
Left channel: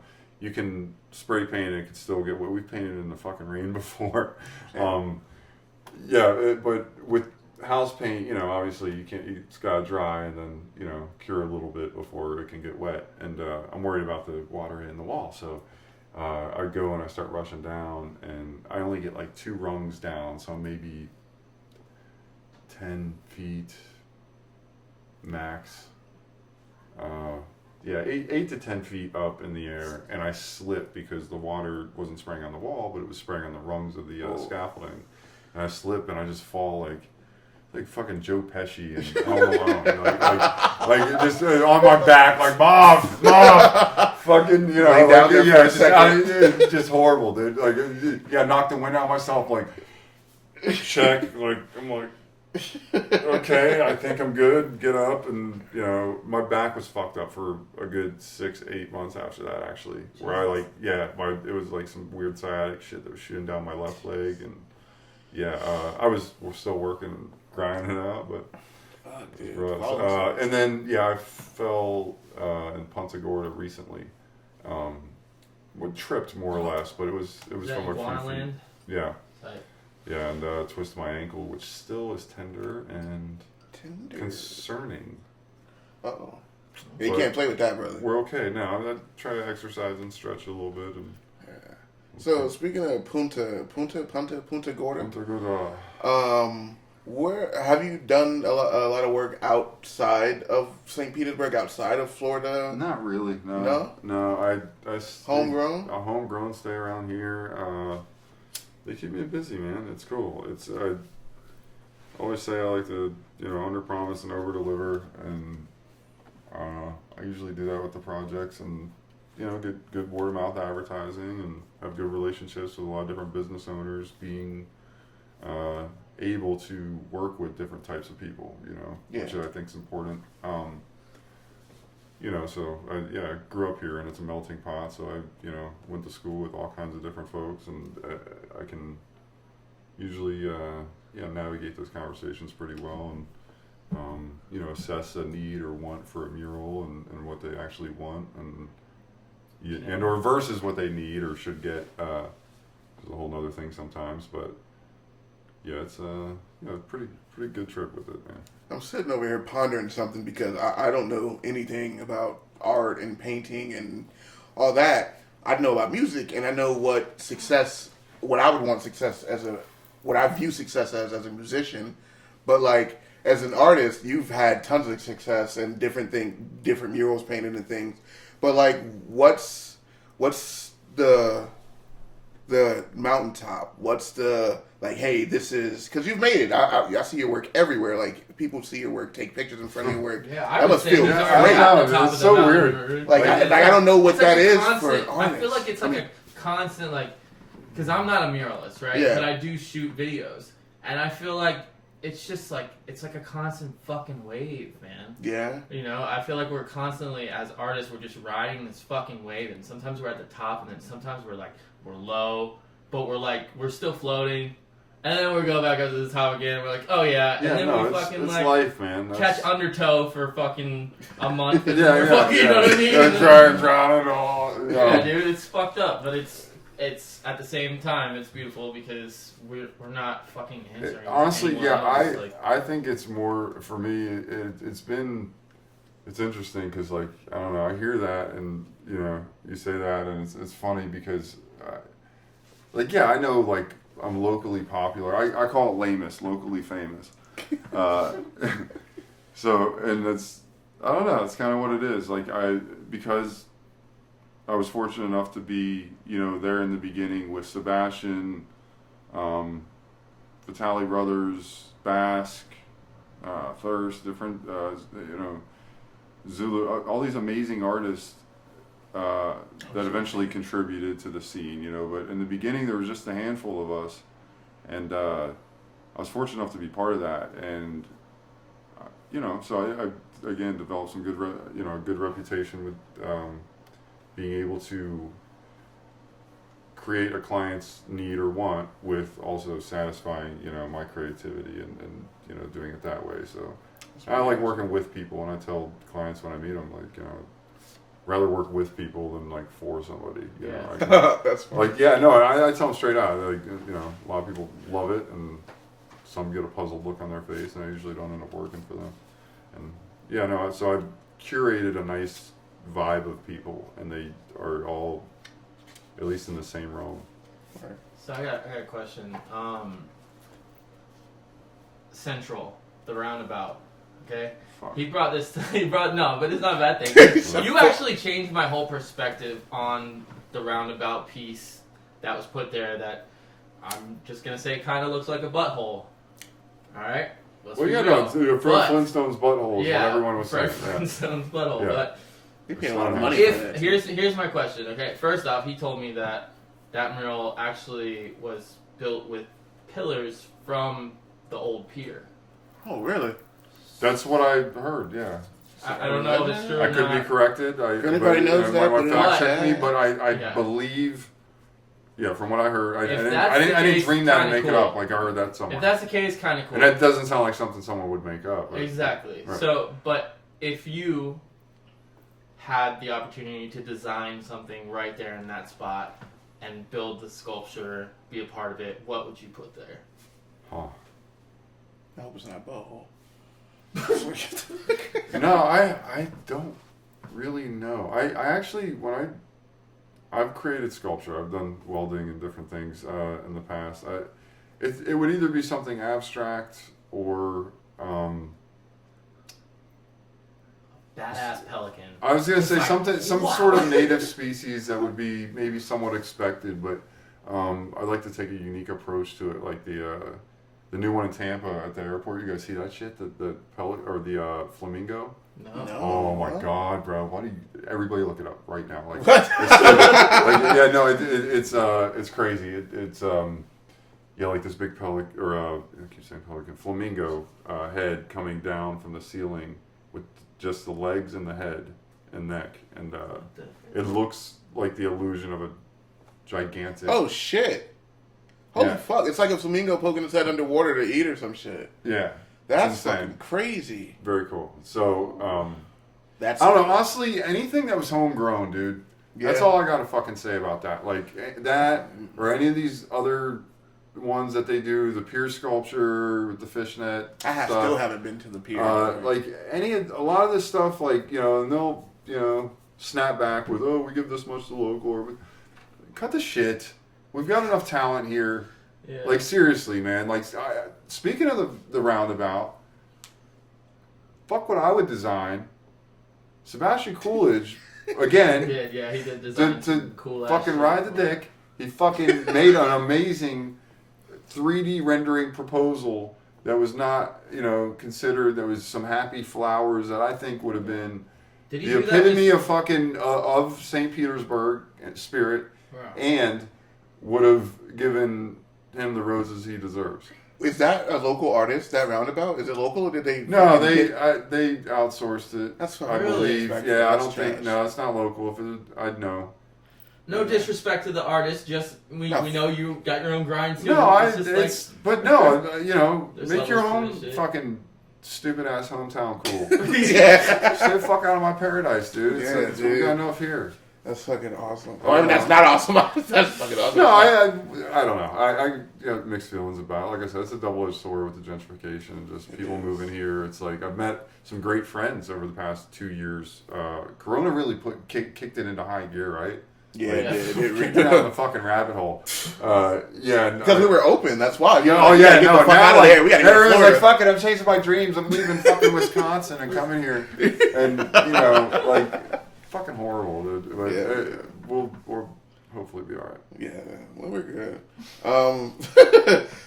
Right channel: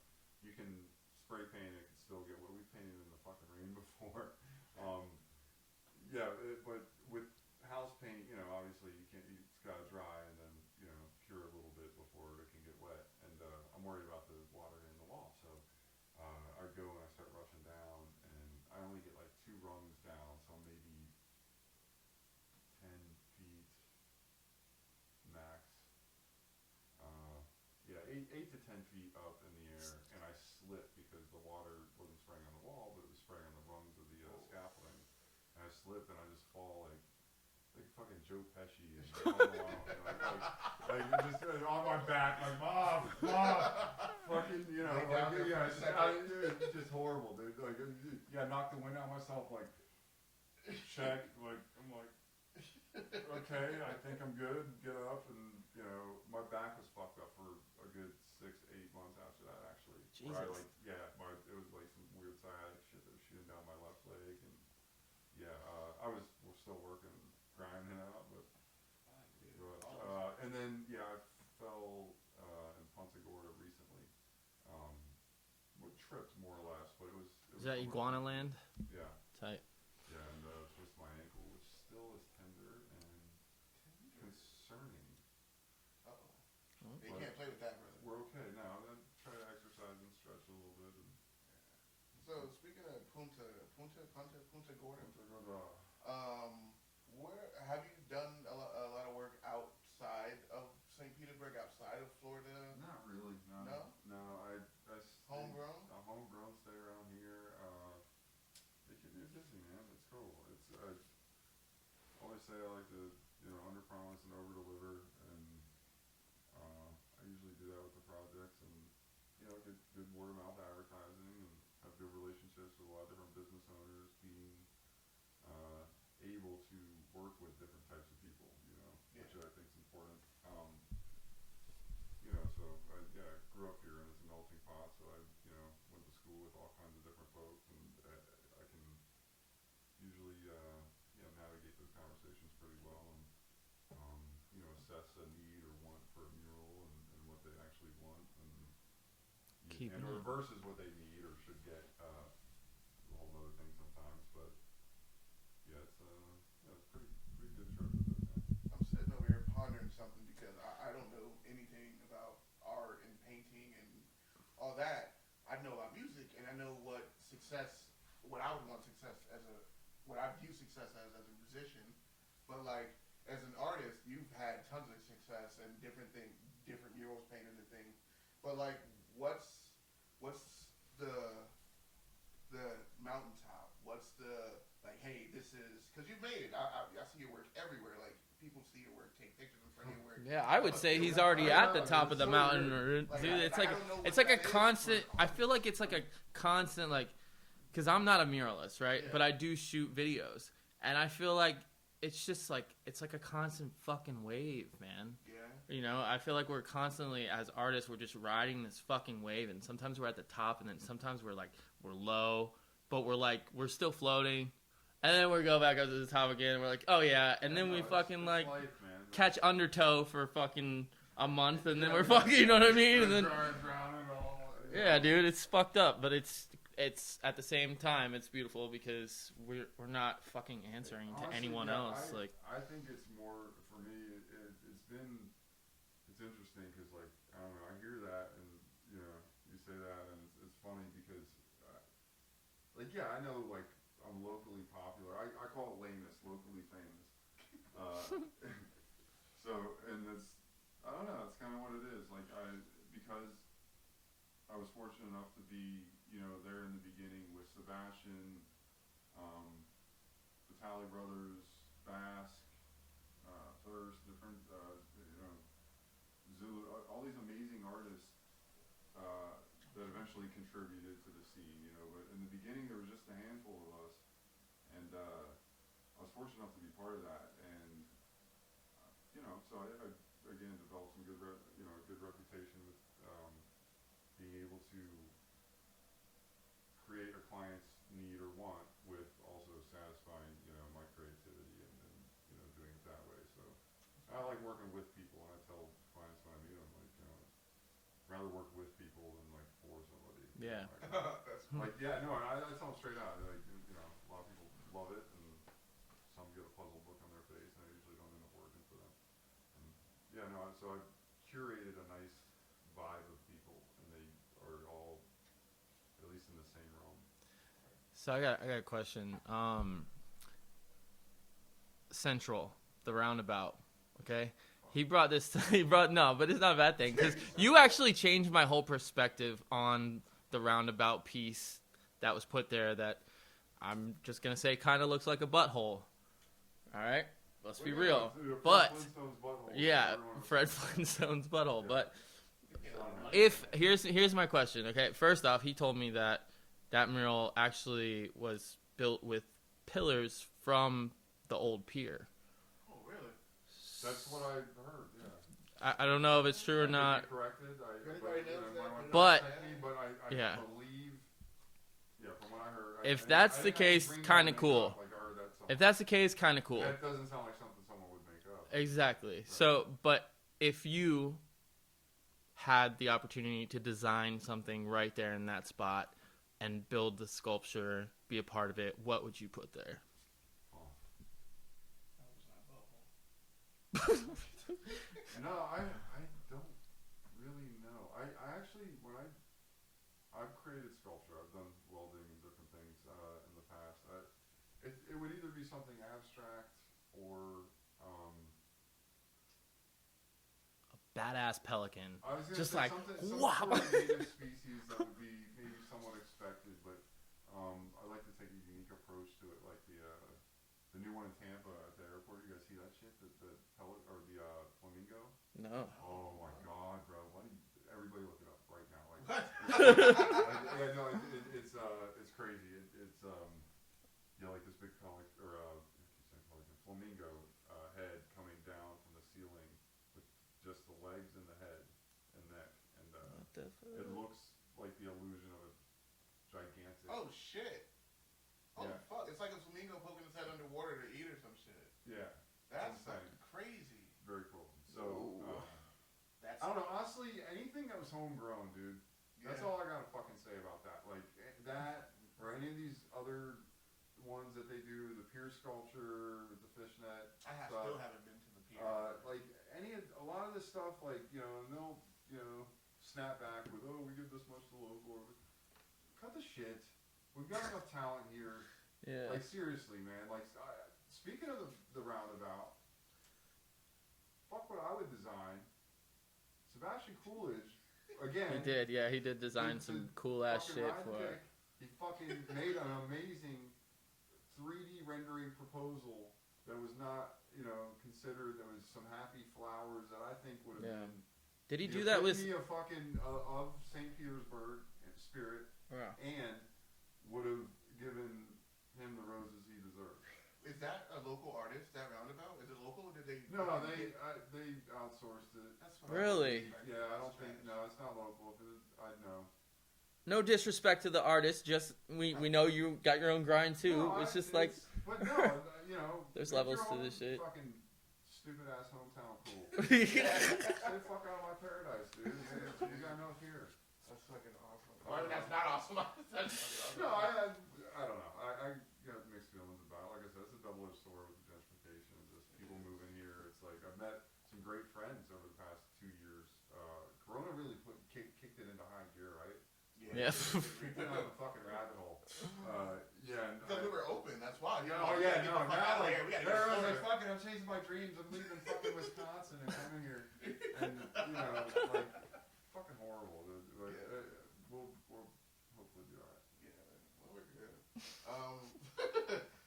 can spray paint and it can still get wet. We've painted in the fucking rain before. But with house paint, obviously you can't. It's gotta dry and then cure a little bit before it can get wet. And I'm worried about the water hitting the wall. So I go and I start rushing down, and I only get like 2 rungs down, so maybe 10 feet max. 8 to 10 feet up in the air, and I slipped because the water wasn't spraying on the wall, but it was spraying on the rungs of the scaffolding. And I slip, and I just fall like fucking Joe Pesci and Home Alone, like just on my back, like mom, fucking, it's just horrible, dude. Like, knocked the wind out of myself, like, check, like, I'm like, okay, I think I'm good, get up, and, my back was fucked up for a good 6-8 months after that, actually, where it was like some weird sciatic shit that was shooting down my left leg, and, we're still working, grinding it out, but and then I fell in Punta Gorda recently. Tripped more or less, but it was from a few feet. Yeah. Tight. Yeah, and twisted my ankle, which still is tender and concerning. Uh-oh. Yeah, you can't play with that, brother. We're okay now. I try to exercise and stretch a little bit. And so speaking of Punta Gorda. Where have you done a lot of work outside of St. Petersburg, outside of Florida? Not really. No. I Homegrown. Homegrown. Stay around here. They keep me busy, man. It's cool. I always say I like to under promise and over deliver, and I usually do that with the projects, and get good word of mouth advertising, and have good relationships with a lot of different business owners, being able to work with different types of people, which I think is important. So I grew up here, and it's a melting pot. So I went to school with all kinds of different folks, and I can usually navigate those conversations pretty well, and assess a need or want for a mural, and what they actually want, and or versus what they need or should get. Is a whole nother thing sometimes, but yeah, it's a pretty good trip with it, man. I'm sitting over here pondering something because I don't know anything about art and painting and all that. I know about music, and I know what I would want success what I view success as a musician, but like as an artist, you've had tons of success and different murals painted and things. But like, what's the mountaintop? What's the like? Hey, this is because you've made it. I see your work everywhere. Like people see your work, take pictures in front of your work. Yeah, I that would must say feel these great. are at the top It's of so the weird. mountain. Like I don't know what that is for an I artist. feel like it's like a constant because I'm not a muralist, right? Yeah. But I do shoot videos, and I feel like it's just like it's like a constant fucking wave, man. Yeah. I feel like we're constantly as artists, we're just riding this fucking wave, and sometimes we're at the top, and then sometimes we're low, but we're still floating. And then we go back up to the top again. And we're like, oh yeah, and then we fucking it's life, man. catch undertow for fucking a month. And yeah, fucking, you know what I mean? And try and drown it all. Yeah, dude, it's fucked up, but it's at the same time it's beautiful because we're not fucking answering. Honestly, else. I think it's more for me. It's interesting because I don't know. I hear that and you say that and it's funny because I know I'm locally popular. I call it lamus, locally famous. So, and that's, I don't know, it's kind of what it is. Because I was fortunate enough to be, there in the beginning with Sebastian, Vitali Brothers, Basque, Thirst, different, Zulu, all these amazing artists that eventually contributed to the scene, but in the beginning there was just a handful of us, and I was fortunate enough to be part of that, and so I again developed some good good reputation with being able to create a client's need or want with also satisfying my creativity and doing it that way. So I like working with people, and I tell clients when I meet them rather work with people than for somebody. That's funny. I tell them straight out. A lot of people love it, and some get a puzzled look on their face, and I usually don't end up working for them. And so I've curated a nice vibe of people, and they are all at least in the same realm. Right. So I got a question. Central, the roundabout. Okay. He brought but it's not a bad thing. You actually changed my whole perspective on the roundabout piece that was put there that I'm just going to say kind of looks like a butthole. Alright? Fred Flintstone's butthole is what everyone was saying. Fred Flintstone's butthole. Yeah. But they pay a lot of money for that. Here's my question, okay? First off, he told me that mural actually was built with pillars from the old pier. Oh, really? That's what I heard, yeah. I don't know if it's true or not. I could be corrected. If anybody knows that, my fact check me, but I believe, from what I heard, I didn't dream that and make it up. I heard that somewhere. If that's the case, kind of cool. And that doesn't sound like something someone would make up. Right? Exactly. Right. So, but if you had the opportunity to design something right there in that spot and build the sculpture, be a part of it, what would you put there? I hope it's not a butthole. No, I don't really know. I actually, I've created sculpture. I've done welding and different things in the past. It would either be something abstract or Badass pelican. I was gonna say some sort of native species that would be maybe somewhat expected, but I'd like to take a unique approach to it, like the new one in Tampa at the airport. You guys see that shit? The pelican or the flamingo? No. Oh my god, bro! Why do you? Everybody look it up right now. Like, What? it's crazy. It's like this big pelican or I keep saying pelican, flamingo head coming down from the ceiling with just the legs and the head and neck, and it looks like the illusion of a gigantic. Oh shit! Holy Yeah. fuck! It's like a flamingo poking its head underwater to eat or some shit. Yeah, That's insane. fucking crazy. Very cool. So That's I don't know. Honestly, anything that was homegrown, dude. That's all I gotta fucking say about that. Like that, or any of these other ones that they do, the pier sculpture with the fishnet. Still haven't been to the pier. Like a lot of this stuff, like and they'll snap back with, oh, we give this much to local, or cut the shit. We've got enough talent here. Yeah. Like seriously, man. Like speaking of the roundabout, fuck what I would design. Sebastian Coolidge, again, Yeah, he did design to cool fucking ride the dick. He fucking made an amazing 3D rendering proposal that was not, considered. There was some happy flowers that I think would have been Did he the do that epitome of fucking of St. Petersburg spirit, Wow. and would have given him the roses he deserves. Is that a local artist? That roundabout? Is it local or did they? No, fucking they outsourced it. That's I fucking Really? believe. disrespectful. Yeah, I That's don't think. trash. No, it's not local. If it, I'd know. No disrespect to the artist, just we know you got your own grind too. No, It's just but no, There's make your levels own to this shit. fucking stupid ass hometown cool. Yeah. Stay the fuck out of my paradise, dude. Yeah, It's we dude. got enough here. That's fucking awesome. Oh, I mean, no. that's not awesome. That's fucking awesome. No, I don't know. I mixed feelings about it. Like I said, it's a double-edged sword with the gentrification and just people moving here. It's like I've met some great friends over the past 2 years. Corona really kicked it into high gear, right? Yeah, Yeah. it Kicked did. it down the fucking rabbit hole. Yeah. Because we were open. That's why. Yeah, We gotta get the fuck out of there. We gotta get to everyone's Florida. like, fuck it, I'm chasing my dreams. I'm leaving fucking Wisconsin and coming here. And, fucking horrible, dude. But Yeah. we'll hopefully be alright. Yeah, well, we're good.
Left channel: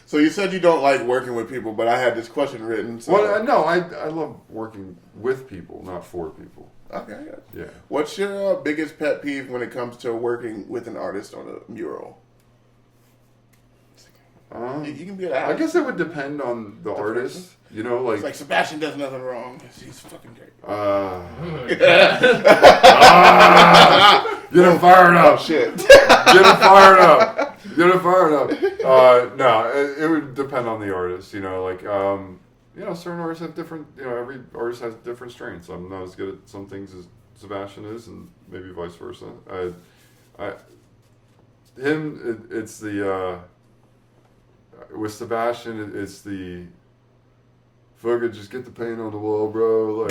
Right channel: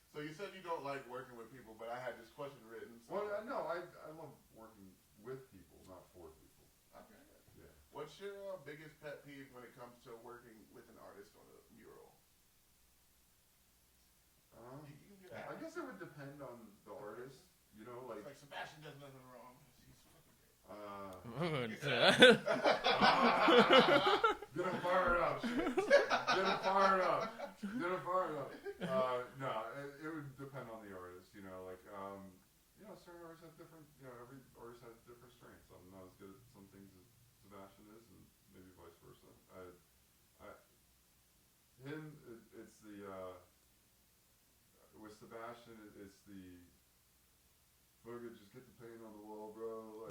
So you said you don't like working with people, but I had this question written. So. Well, no, I love working with people, not for people. Okay. Yeah. What's your biggest pet peeve when it comes to working with an artist on a mural? You can be an I artist. guess it would depend on the artist. person? Like It's like Sebastian does nothing wrong. He's fucking great. Get him fired up. Shit. Get him fired up. Get him fired up. No, it would depend on the artist. Certain artists have different. Every artist has different strengths. I'm not as good at some things as Sebastian is, and maybe vice versa. It's the with Sebastian, it's the. Fucking just get the paint on the wall, bro.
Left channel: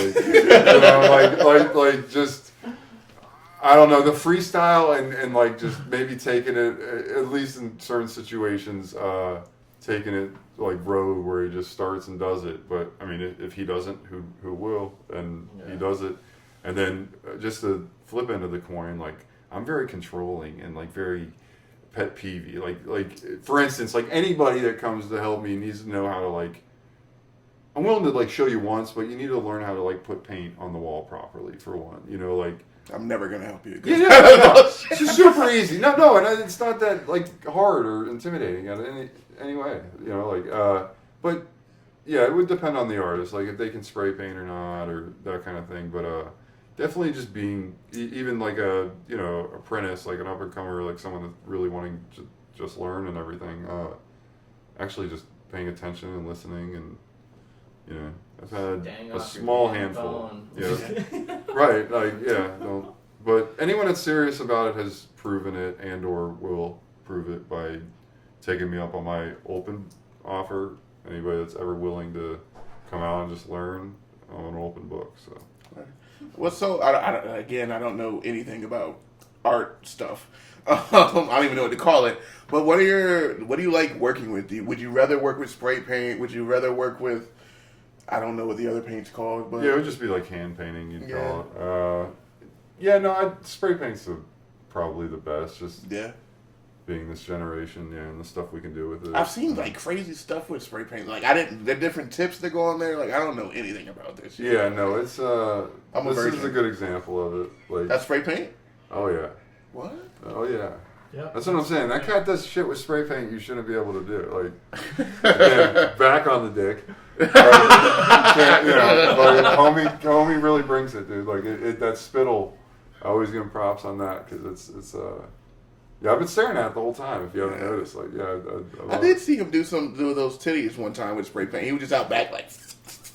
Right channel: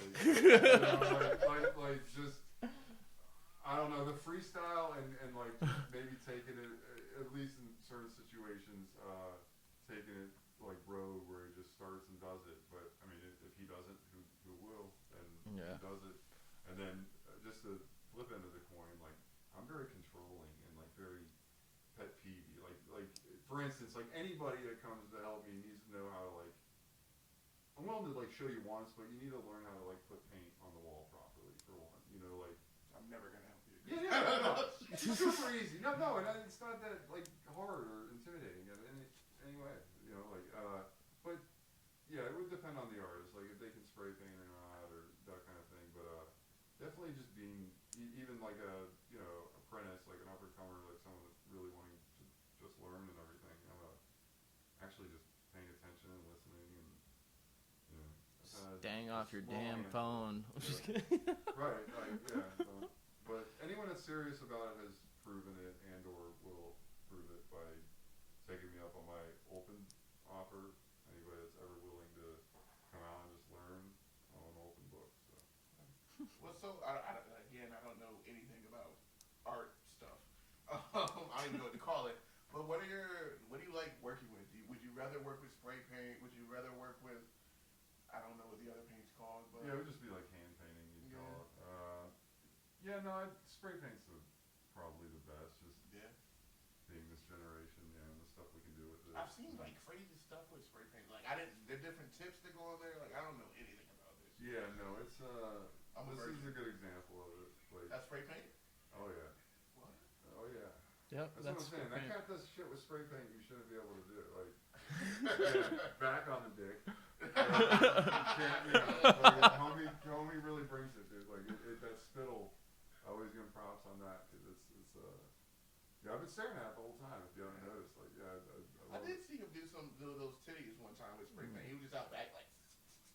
Just. I don't know, the freestyle and just maybe taking it, at least in certain situations, taking it like road where he just starts and does it. But I mean, if he doesn't, who will? And he does it. And then just the flip end of the coin, I'm very controlling and very pet peevey. Like for instance, anybody that comes to help me needs to know how to I'm willing to show you once, but you need to learn how to put paint on the wall properly for one. I'm never gonna help you. Yeah, no. It's just super easy. No, and it's not that hard or intimidating in any way. But yeah, it would depend on the artist, if they can spray paint or not, or that kind of thing. But definitely just being even a apprentice, an up and comer, someone that's really wanting to just learn and everything. Actually, just paying attention and listening, and I've had Dang a off your small damn handful. phone. Yeah. Right, but anyone that's serious about it has proven it and or will prove it by taking me up on my open offer. Anybody that's ever willing to come out and just learn, I'm an open book. So What's so? I don't know anything about art stuff. I don't even know what to call it. But what do you like working with? Would you rather work with spray paint? Would you rather work with? I don't know what the other paint's called, but Yeah, it would just be like hand painting, you'd call it. Spray paint's probably the best, just being this generation, and the stuff we can do with it. I've seen like crazy stuff with spray paint. Like the different tips that go on there. Like I don't know anything about this. Yeah, no, it's this is a good example of it. Like that's spray paint. Oh yeah. What? Oh yeah. Yeah. That's what I'm saying. That cat does shit with spray paint you shouldn't be able to do. Like, again, back on the dick. Like, homie really brings it, dude. Like that spittle, I always give him props on that because it's I've been staring at it the whole time. If you haven't noticed, like I did see him do those titties one time with spray paint. He was just out back like.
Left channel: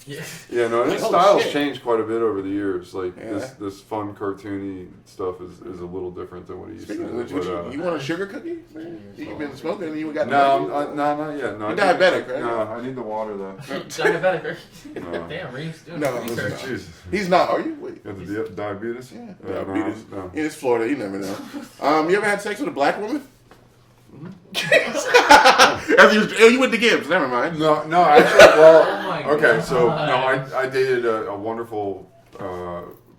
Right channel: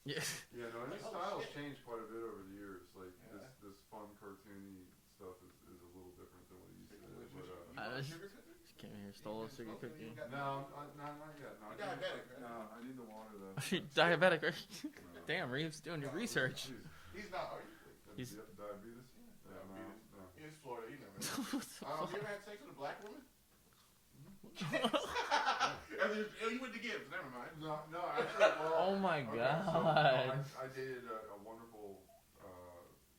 Yeah, no, his style's changed quite a bit over the years. Like this fun cartoony stuff is a little different than what he used to do. You want a sugar cookie? You've been smoking and you got no, not yet. No, you're diabetic, right? No, I need the water though. Diabetic. No. Damn, Reem's doing Jesus. He's not. Are you? Wait. You have the diabetes? Yeah, diabetes. No. It's Florida. You never know. You ever had sex with a black woman? You went to Gibbs. Never mind. No, actually, well, Oh my okay, God. so no, I dated a wonderful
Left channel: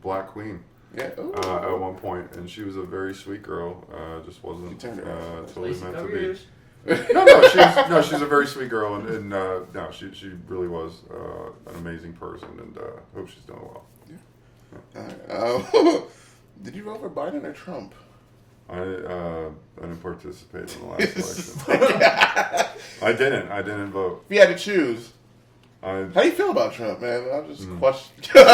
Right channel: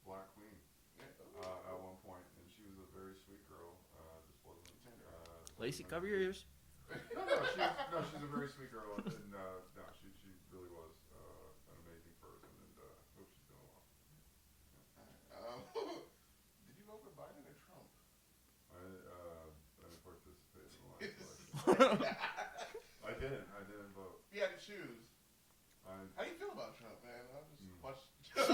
black queen at one point, and she was a very sweet girl. Just wasn't totally meant to be. No, she's a very sweet girl, and no, she really was an amazing person, and hope she's doing well. All right. Did you vote for Biden or Trump? I didn't participate in the last election. I didn't vote. If you had to choose, how do you feel about Trump, man? I'm just questioning.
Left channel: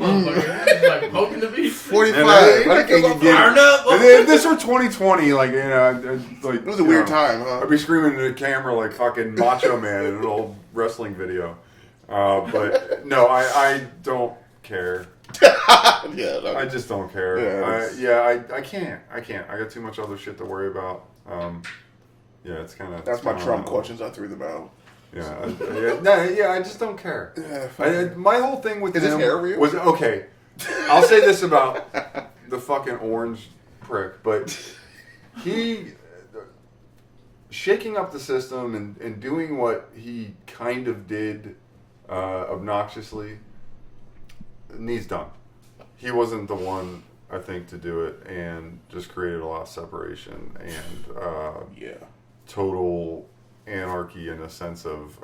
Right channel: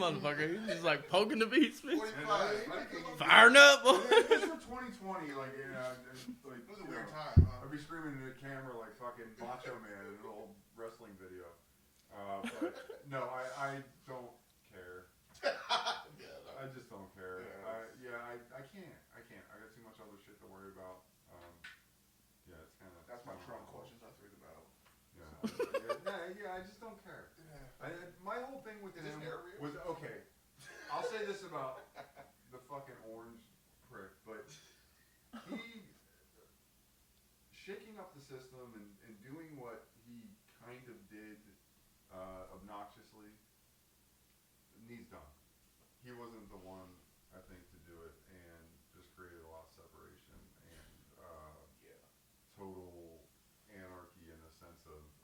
Like poking the beef. 45. If this were 2020, like it was a weird time, huh? I'd be screaming into the camera like fucking Macho Man in an old wrestling video. But no, I don't care. I just don't care. I can't. I got too much other shit to worry about. It's kind of. That's my Trump questions. I threw them out. I just don't care. My whole thing with him was okay. I'll say this about the fucking orange prick, but he shaking up the system and doing what he kind of did obnoxiously needs done. He wasn't the one, I think, to do it, and just created a lot of separation and total anarchy in a sense of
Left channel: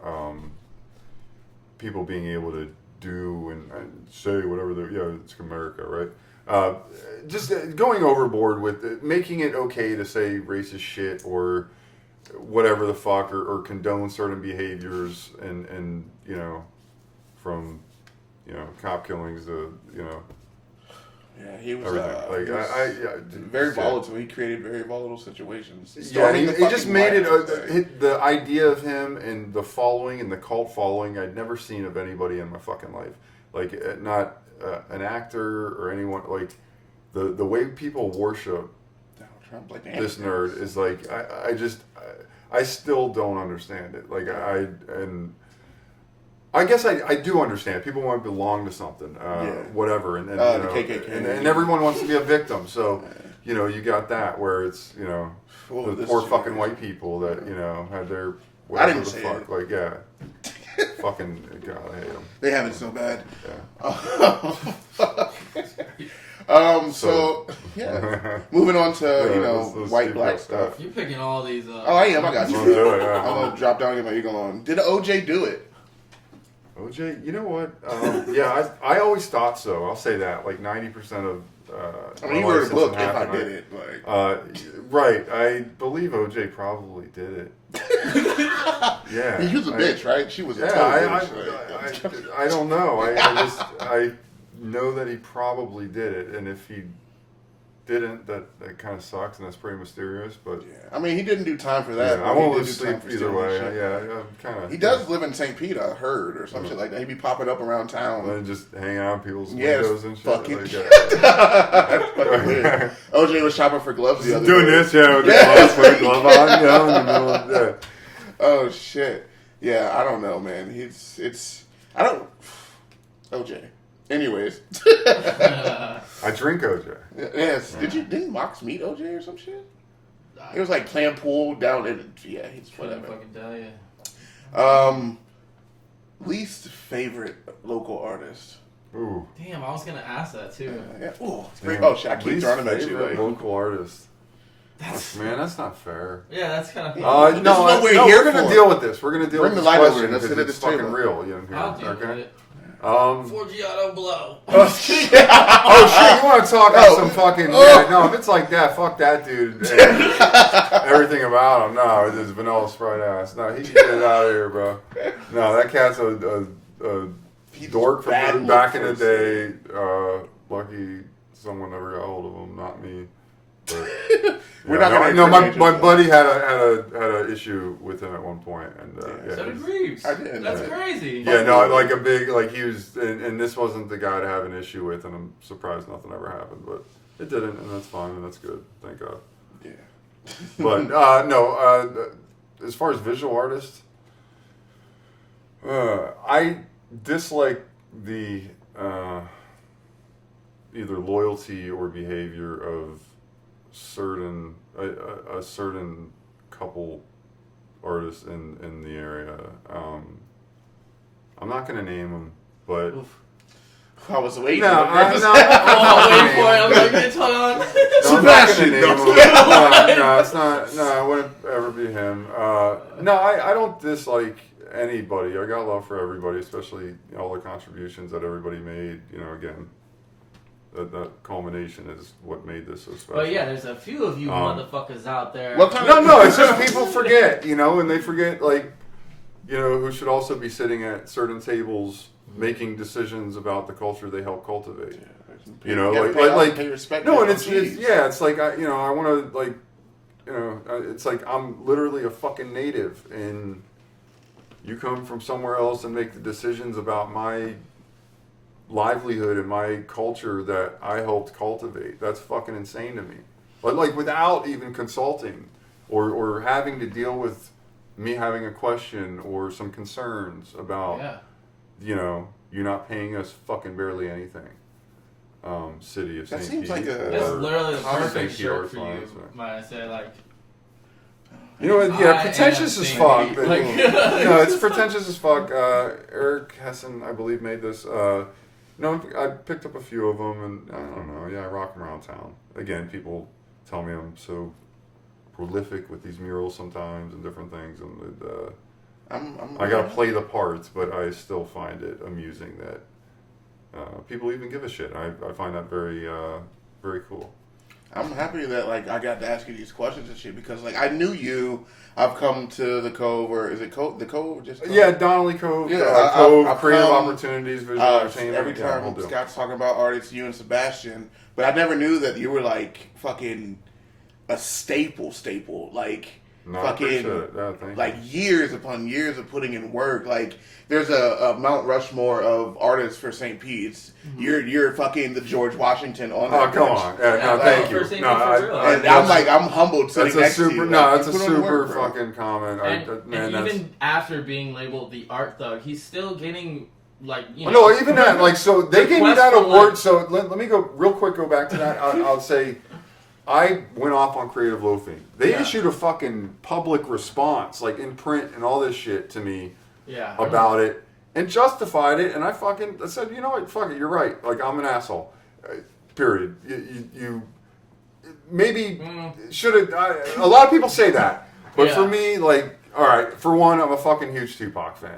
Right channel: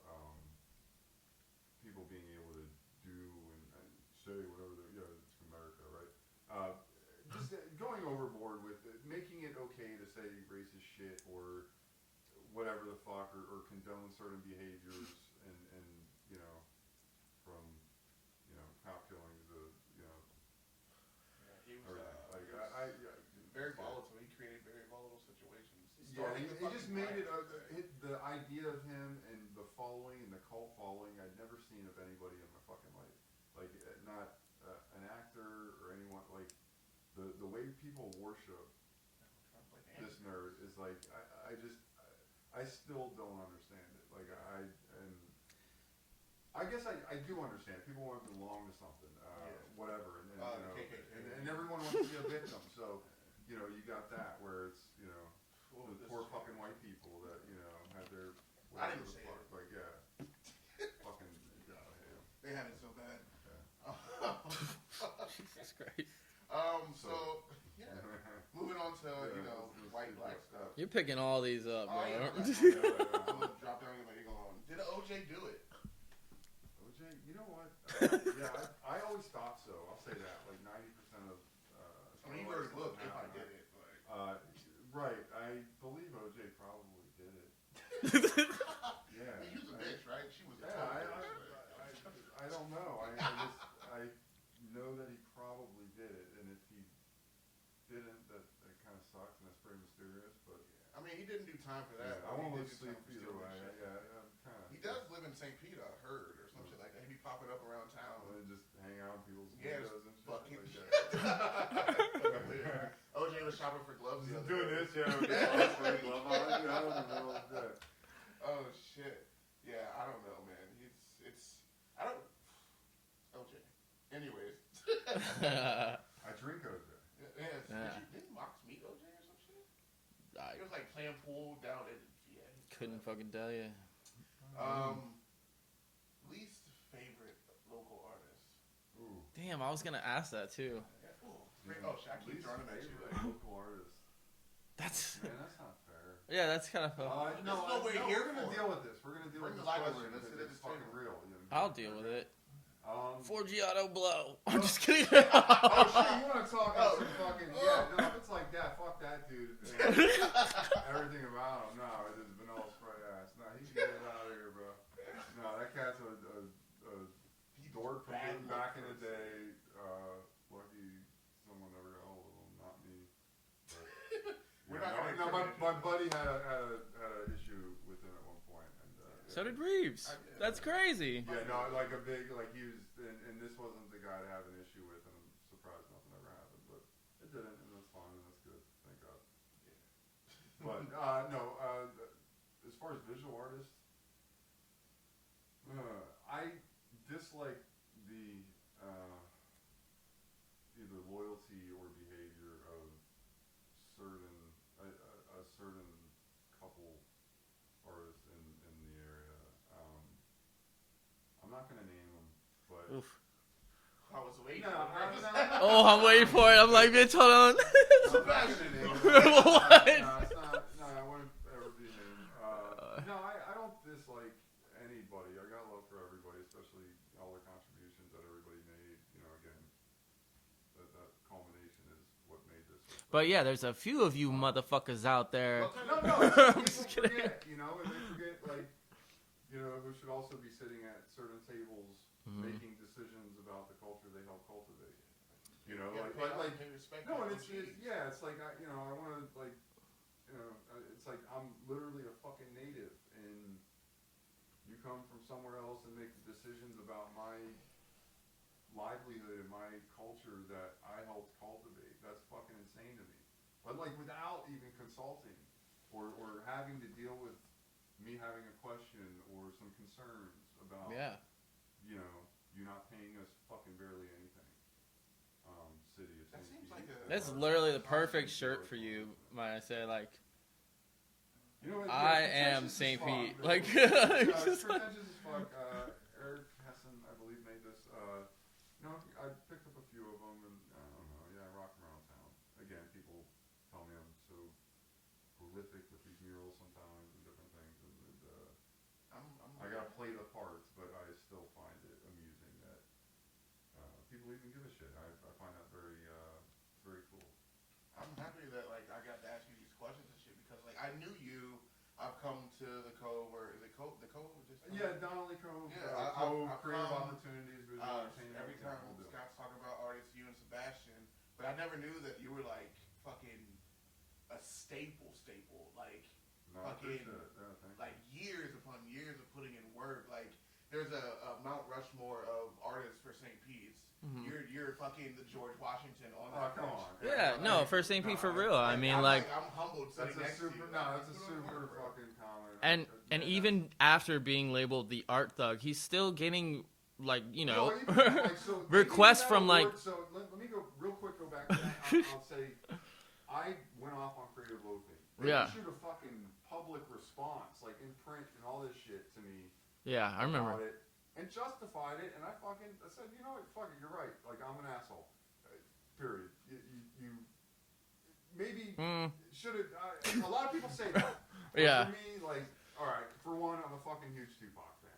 people being able to do and say whatever it's America, right? Just going overboard with it, making it okay to say racist shit or whatever the fuck, or condone certain behaviors and from cop killings to Yeah, he was very volatile. He created very volatile situations. He just made it the idea of him and the following and the cult following I'd never seen of anybody in my fucking life. Like not an actor or anyone. Like the way people worship Trump, like this nerd is like I still don't understand it. Like I guess I do understand. People want to belong to something, whatever, and the KKK, and everyone wants to be a victim. So, you got that where it's the poor fucking white people that had their whatever the fuck, fucking God, I hate them. They have it so bad. Moving on to white black stuff. You're picking all these. I am. I got you. I'm gonna drop down and get my eagle on. Did OJ do it? OJ, you know what? I always thought so. I'll say that. Like 90% of. You wrote a book. If I did it, right. I believe OJ probably did it. Yeah. He was a bitch, right? She was a bitch. I don't know. I know that he probably did it, and if he didn't, that kind of sucks, and that's pretty mysterious. But I mean, he didn't do time for that. I won't lose sleep either way. I'm kind of. He does live in St. Pete, I heard, or some shit like that. He'd be popping up around town and just hanging out in people's windows and shit. Fucking fucking weird. OJ was shopping for gloves the other day. Doing this, with the gloves, with a glove on, in the middle of Oh shit! Yeah, I don't know, man. I don't. OJ. Anyways. I drink OJ. Yes. Didn't Mox meet OJ or some shit? It was like playing pool down in, yeah, he's whatever. Fucking tell you. Least favorite local artist. Ooh. Damn, I was gonna ask that too. Yeah. Ooh, it's great. Damn. Oh shit, I keep Least throwing them at you. favorite Like, local artist. Man, that's not fair. Yeah, that's kind of. This is what we're here we're gonna for. deal with this. We're gonna deal Bring with the this light over question and let's because sit at it's this fucking table. real. You know, I'll deal with it. Oh Forgiato blow. shit! You want to talk about some fucking? Yeah, no, if it's like that, fuck that dude. And everything about him. No, it's his vanilla Sprite ass. No, he can get it out of here, bro. No, that cat's a dork from back in the day. Lucky someone never got hold of him, not me. But, We're not gonna. No, my buddy had a issue with him at one point, and So did Reeves. I did. That's crazy. yeah, no, like a big, like he was, and this wasn't the guy to have an issue with, and I'm surprised nothing ever happened, but it didn't, and that's fine, and that's good, thank God. Yeah. But as far as visual artists, I dislike the either loyalty or behavior of certain a certain couple artists in the area. I'm not gonna name them, but I was waiting. no, Oh, wait for it. I'm like, bitch, hold on. No, I'm not gonna name him. No, it's not. No, it wouldn't ever be him. No, I don't dislike anybody. I got love for everybody, especially all the contributions that everybody made. You know, again, that culmination is what made this so special. But yeah, there's a few of you motherfuckers out there. No, it's just people forget, you know, and they forget, like, you know, who should also be sitting at certain tables making decisions about the culture they help cultivate. You know, like pay respect. no, and it's like I want to, like, you know, it's like I'm literally a fucking native, and you come from somewhere else and make the decisions about my livelihood and my culture that I helped cultivate. That's fucking insane to me. But like without even consulting or having to deal with me having a question or some concerns about, you know, you're not paying us fucking barely anything. City of St. That seems Pete like That's literally the perfect St. shirt for Pete you. Arts, Might I say, like. You know what? Yeah, pretentious as fuck. But, Like, no, it's pretentious as fuck. Eric Hessen, I believe, made this. No, I picked up a few of them, and I don't know. Yeah, I rock them around town. Again, people tell me I'm so prolific with these murals sometimes and different things, and I gotta play the parts, but I still find it amusing that people even give a shit. I find that very, very cool. I'm happy that like I got to ask you these questions and shit because like I knew you. I've come to the Cove, or is it Cove? The Cove, just Cove? Yeah, Donnelly Cove. Yeah, Cove, I've creative come, opportunities, visual entertainment. Every time Scott's talking about artists, you and Sebastian, but I never knew that you were like fucking a staple, like No, fucking like years upon years of putting in work. Like there's a Mount Rushmore of artists for St. Pete's. Mm-hmm. You're fucking the George Washington on that. Oh, come on. No, thank you. I'm humbled sitting next to you. That's a super fucking comment. And even after being labeled the art thug, he's still getting like, you know. No, even that, like, so they gave me that award. So let me go real quick, go back to that. I'll say I went off on creative loafing. They issued a fucking public response, like in print and all this shit to me about it and justified it. And I said, you know what, fuck it, you're right. Like, I'm an asshole. Period. You maybe should have. A lot of people say that, but for me, like, all right. For one, I'm a fucking huge Tupac fan.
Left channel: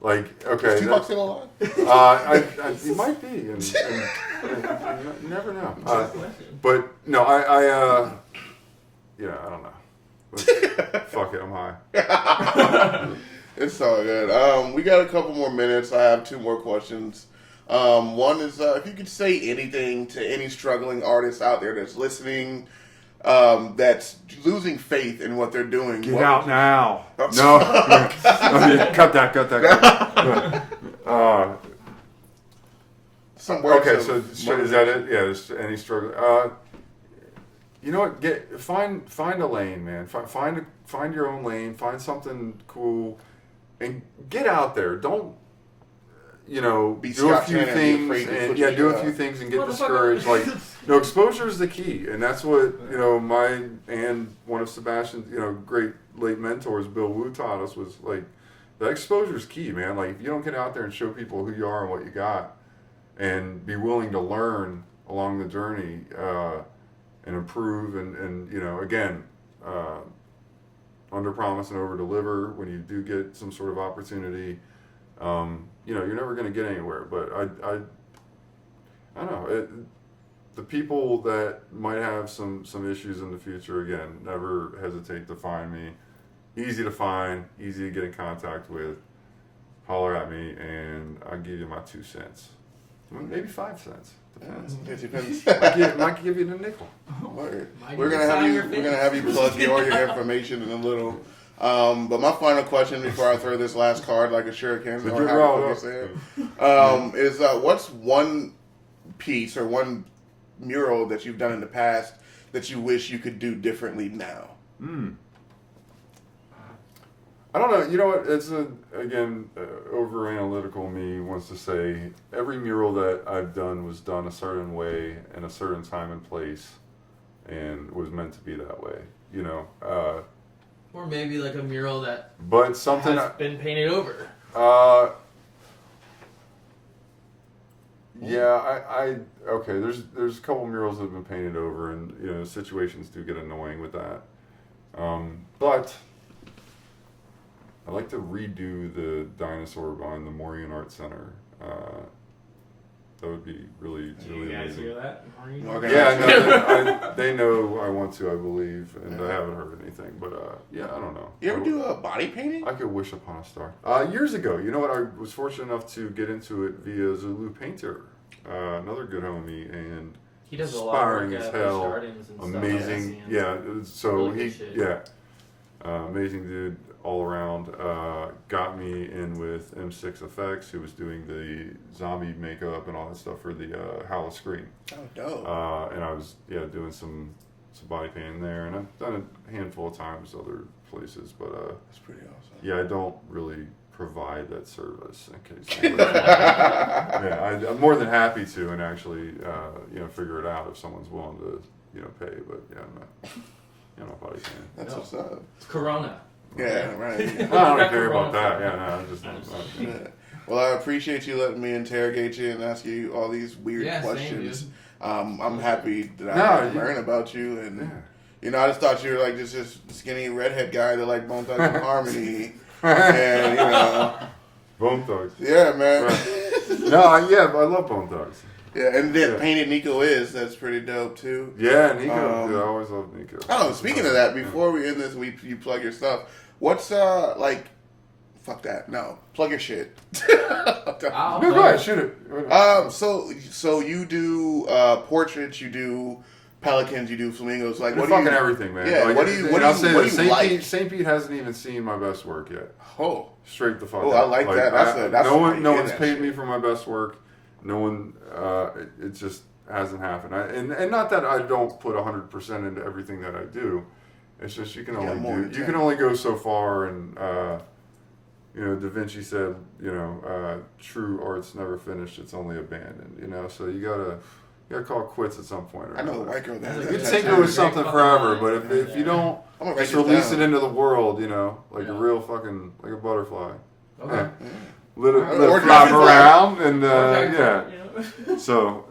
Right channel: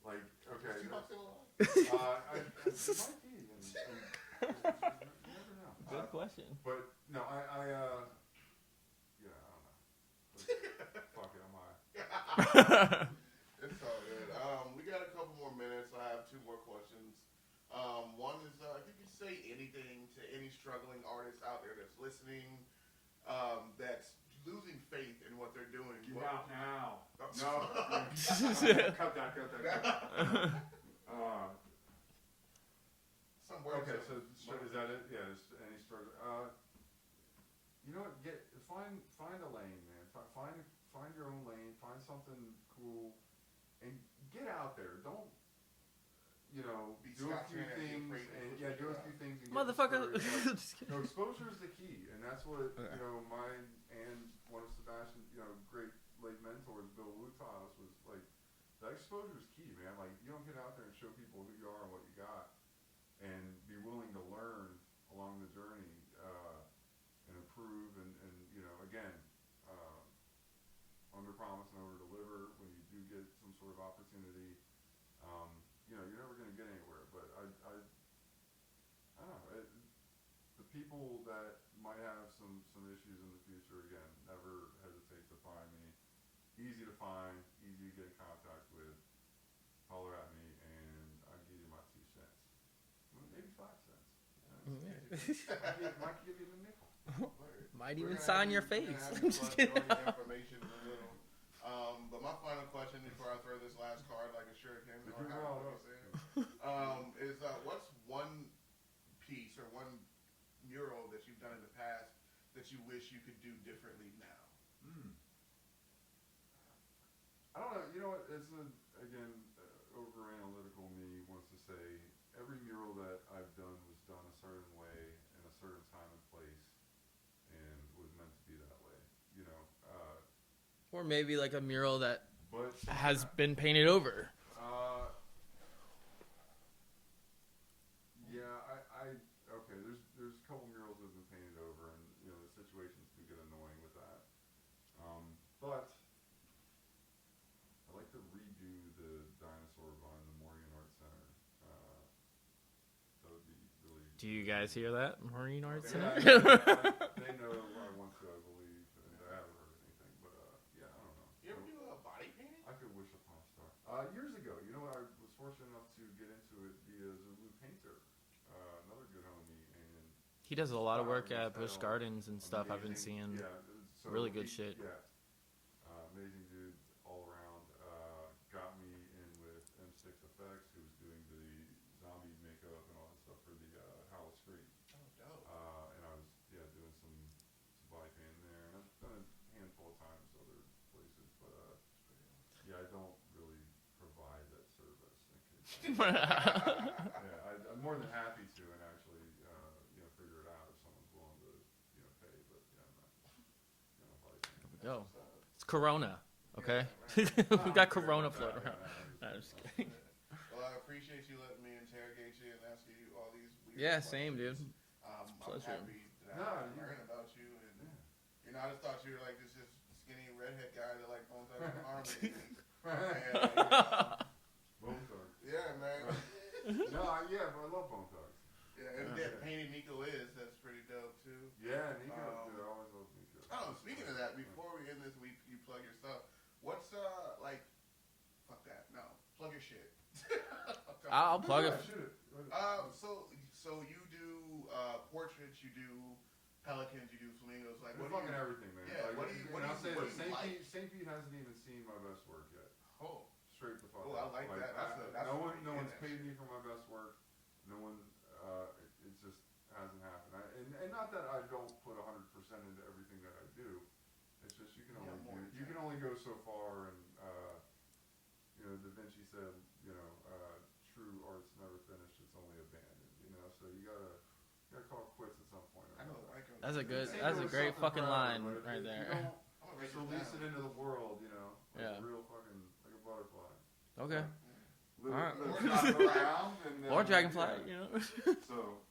Like, okay, is Tupac still alive? He might be, and you never know. But no, I don't know. Fuck it, I'm high. It's all good. We got a couple more minutes. I have two more questions. One is if you could say anything to any struggling artist out there that's listening, that's losing faith in what they're doing. Get out now. No. Cut that. Okay, so is that it? Yeah, just any struggle. You know what? Find a lane, man. Find your own lane. Find something cool, and get out there. Don't. Be do a Scott few Tanner and be things afraid to and put do a your few things and get Motherfucker. discouraged. Like, exposure is the key, and that's what my and one of Sebastian's great late mentors, Bill Wu, taught us was like that exposure is key, man. Like if you don't get out there and show people who you are and what you got, and be willing to learn along the journey and improve and again. Under promise and over deliver when you do get some sort of opportunity. You're never going to get anywhere. But I don't know. The people that might have some issues in the future, again, never hesitate to find me. Easy to find, easy to get in contact with. Holler at me, and I'll give you my 2 cents. Maybe 5 cents. Depends. It depends. Might give you the nickel. We're gonna have you plug all your information in a little. But my final question before I throw this last card like a shuriken, is what's one piece or one mural that you've done in the past that you wish you could do differently now? I don't know. You know what? It's over analytical me wants to say every mural that I've done was done a certain way in a certain time and place, and was meant to be that way. Or maybe like a mural that but something has been painted over. Okay. There's a couple murals that have been painted over, and situations do get annoying with that. But I'd like to redo the dinosaur behind the Maureen Art Center. That would be really, Do really you guys amazing. hear that? Yeah, they know I want to, I believe, and I haven't heard anything. But I don't know. You ever do a body painting? I could wish upon a star. Years ago, I was fortunate enough to get into it via Zulu Painter, another good homie, and he does a lot of inspiring work as at hell. gardens and Amazing, stuff. So really good shit. amazing dude all around. Got me in with M6 Effects, who was doing the zombie makeup and all that stuff for the Howl Scream. Oh, dope. And I was doing some body painting there, and I've done it a handful of times other places, but that's pretty awesome. Yeah, I don't really provide that service in case. I'm more than happy to, and actually figure it out if someone's willing to pay. But I'm not body painting. That's what's up. It's Corona. Yeah, right. I don't care about that. I'm just. Well, I appreciate you letting me interrogate you and ask you all these weird questions. I'm happy that I learn about you, and I just thought you were like just this skinny redhead guy that like Bone Thugs and Harmony, and Bone Thugs. Yeah, man. Right. I love Bone Thugs. Yeah, and then Painted Nico that's pretty dope too. Yeah, Nico. I always love Nico. Oh, speaking of that, before we end this, you plug your stuff. What's fuck that. No, plug your shit. Go ahead, shoot it. So you do portraits, you do pelicans, you do flamingos. Like, what do you? Fucking everything, man. Yeah. Like, What do you like? St. Pete hasn't even seen my best work yet. Oh. Straight the fuck. Oh, out. I like that. That's no one's paid me for my best work. No one. It just hasn't happened. And not that I don't put 100% into everything that I do. It's just you can only go so far, and Da Vinci said, true art's never finished; it's only abandoned. So you gotta call it quits at some point. I know the white girl that. You think it was something forever, but if you don't just release it into the world, like a real fucking like a butterfly. Okay. Let it flop around, and So,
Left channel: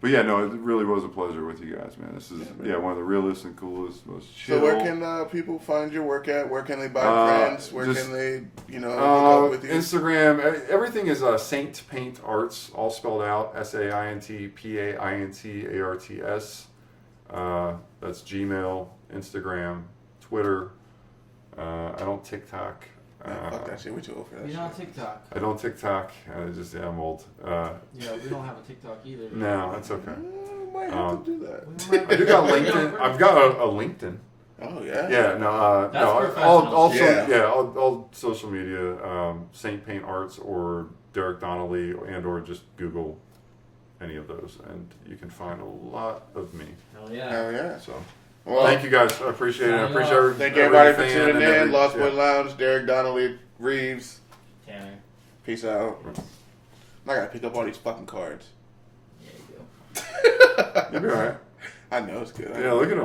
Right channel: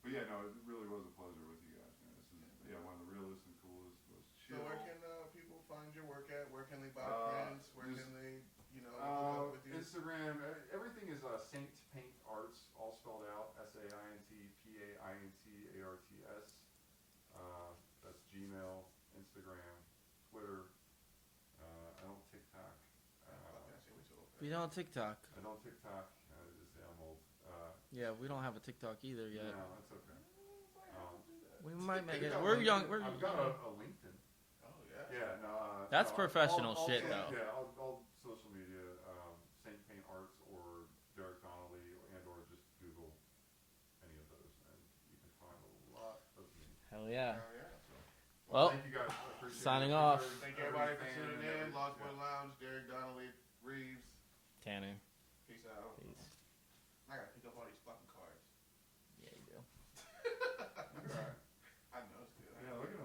but it really was a pleasure with you guys, man. This is one of the realest and coolest, most chill. So where can people find your work at? Where can they buy prints? Where can they, hook up with you? Instagram. Everything is Saint Paint Arts, all spelled out. SAINTPAINTARTS. That's Gmail, Instagram, Twitter. I don't TikTok. Fuck that shit. We too old for that. You're on TikTok. I don't TikTok. I'm old. We don't have a TikTok either. No, that's okay. Might have to do that. I do got LinkedIn. I've got a LinkedIn. Oh yeah. Yeah. No. That's all social media. Saint Paint Arts or Derek Donnelly, or just Google any of those, and you can find a lot of me. Hell yeah. So. Well, thank you guys. I appreciate it. I appreciate Thank everybody for tuning in. Lost Boy Lounge, Derek Donnelly, Reeves. Tanner. Peace out. I gotta pick up all these fucking cards. Yeah, you do. You'll be alright. I know it's good. Yeah, look at him.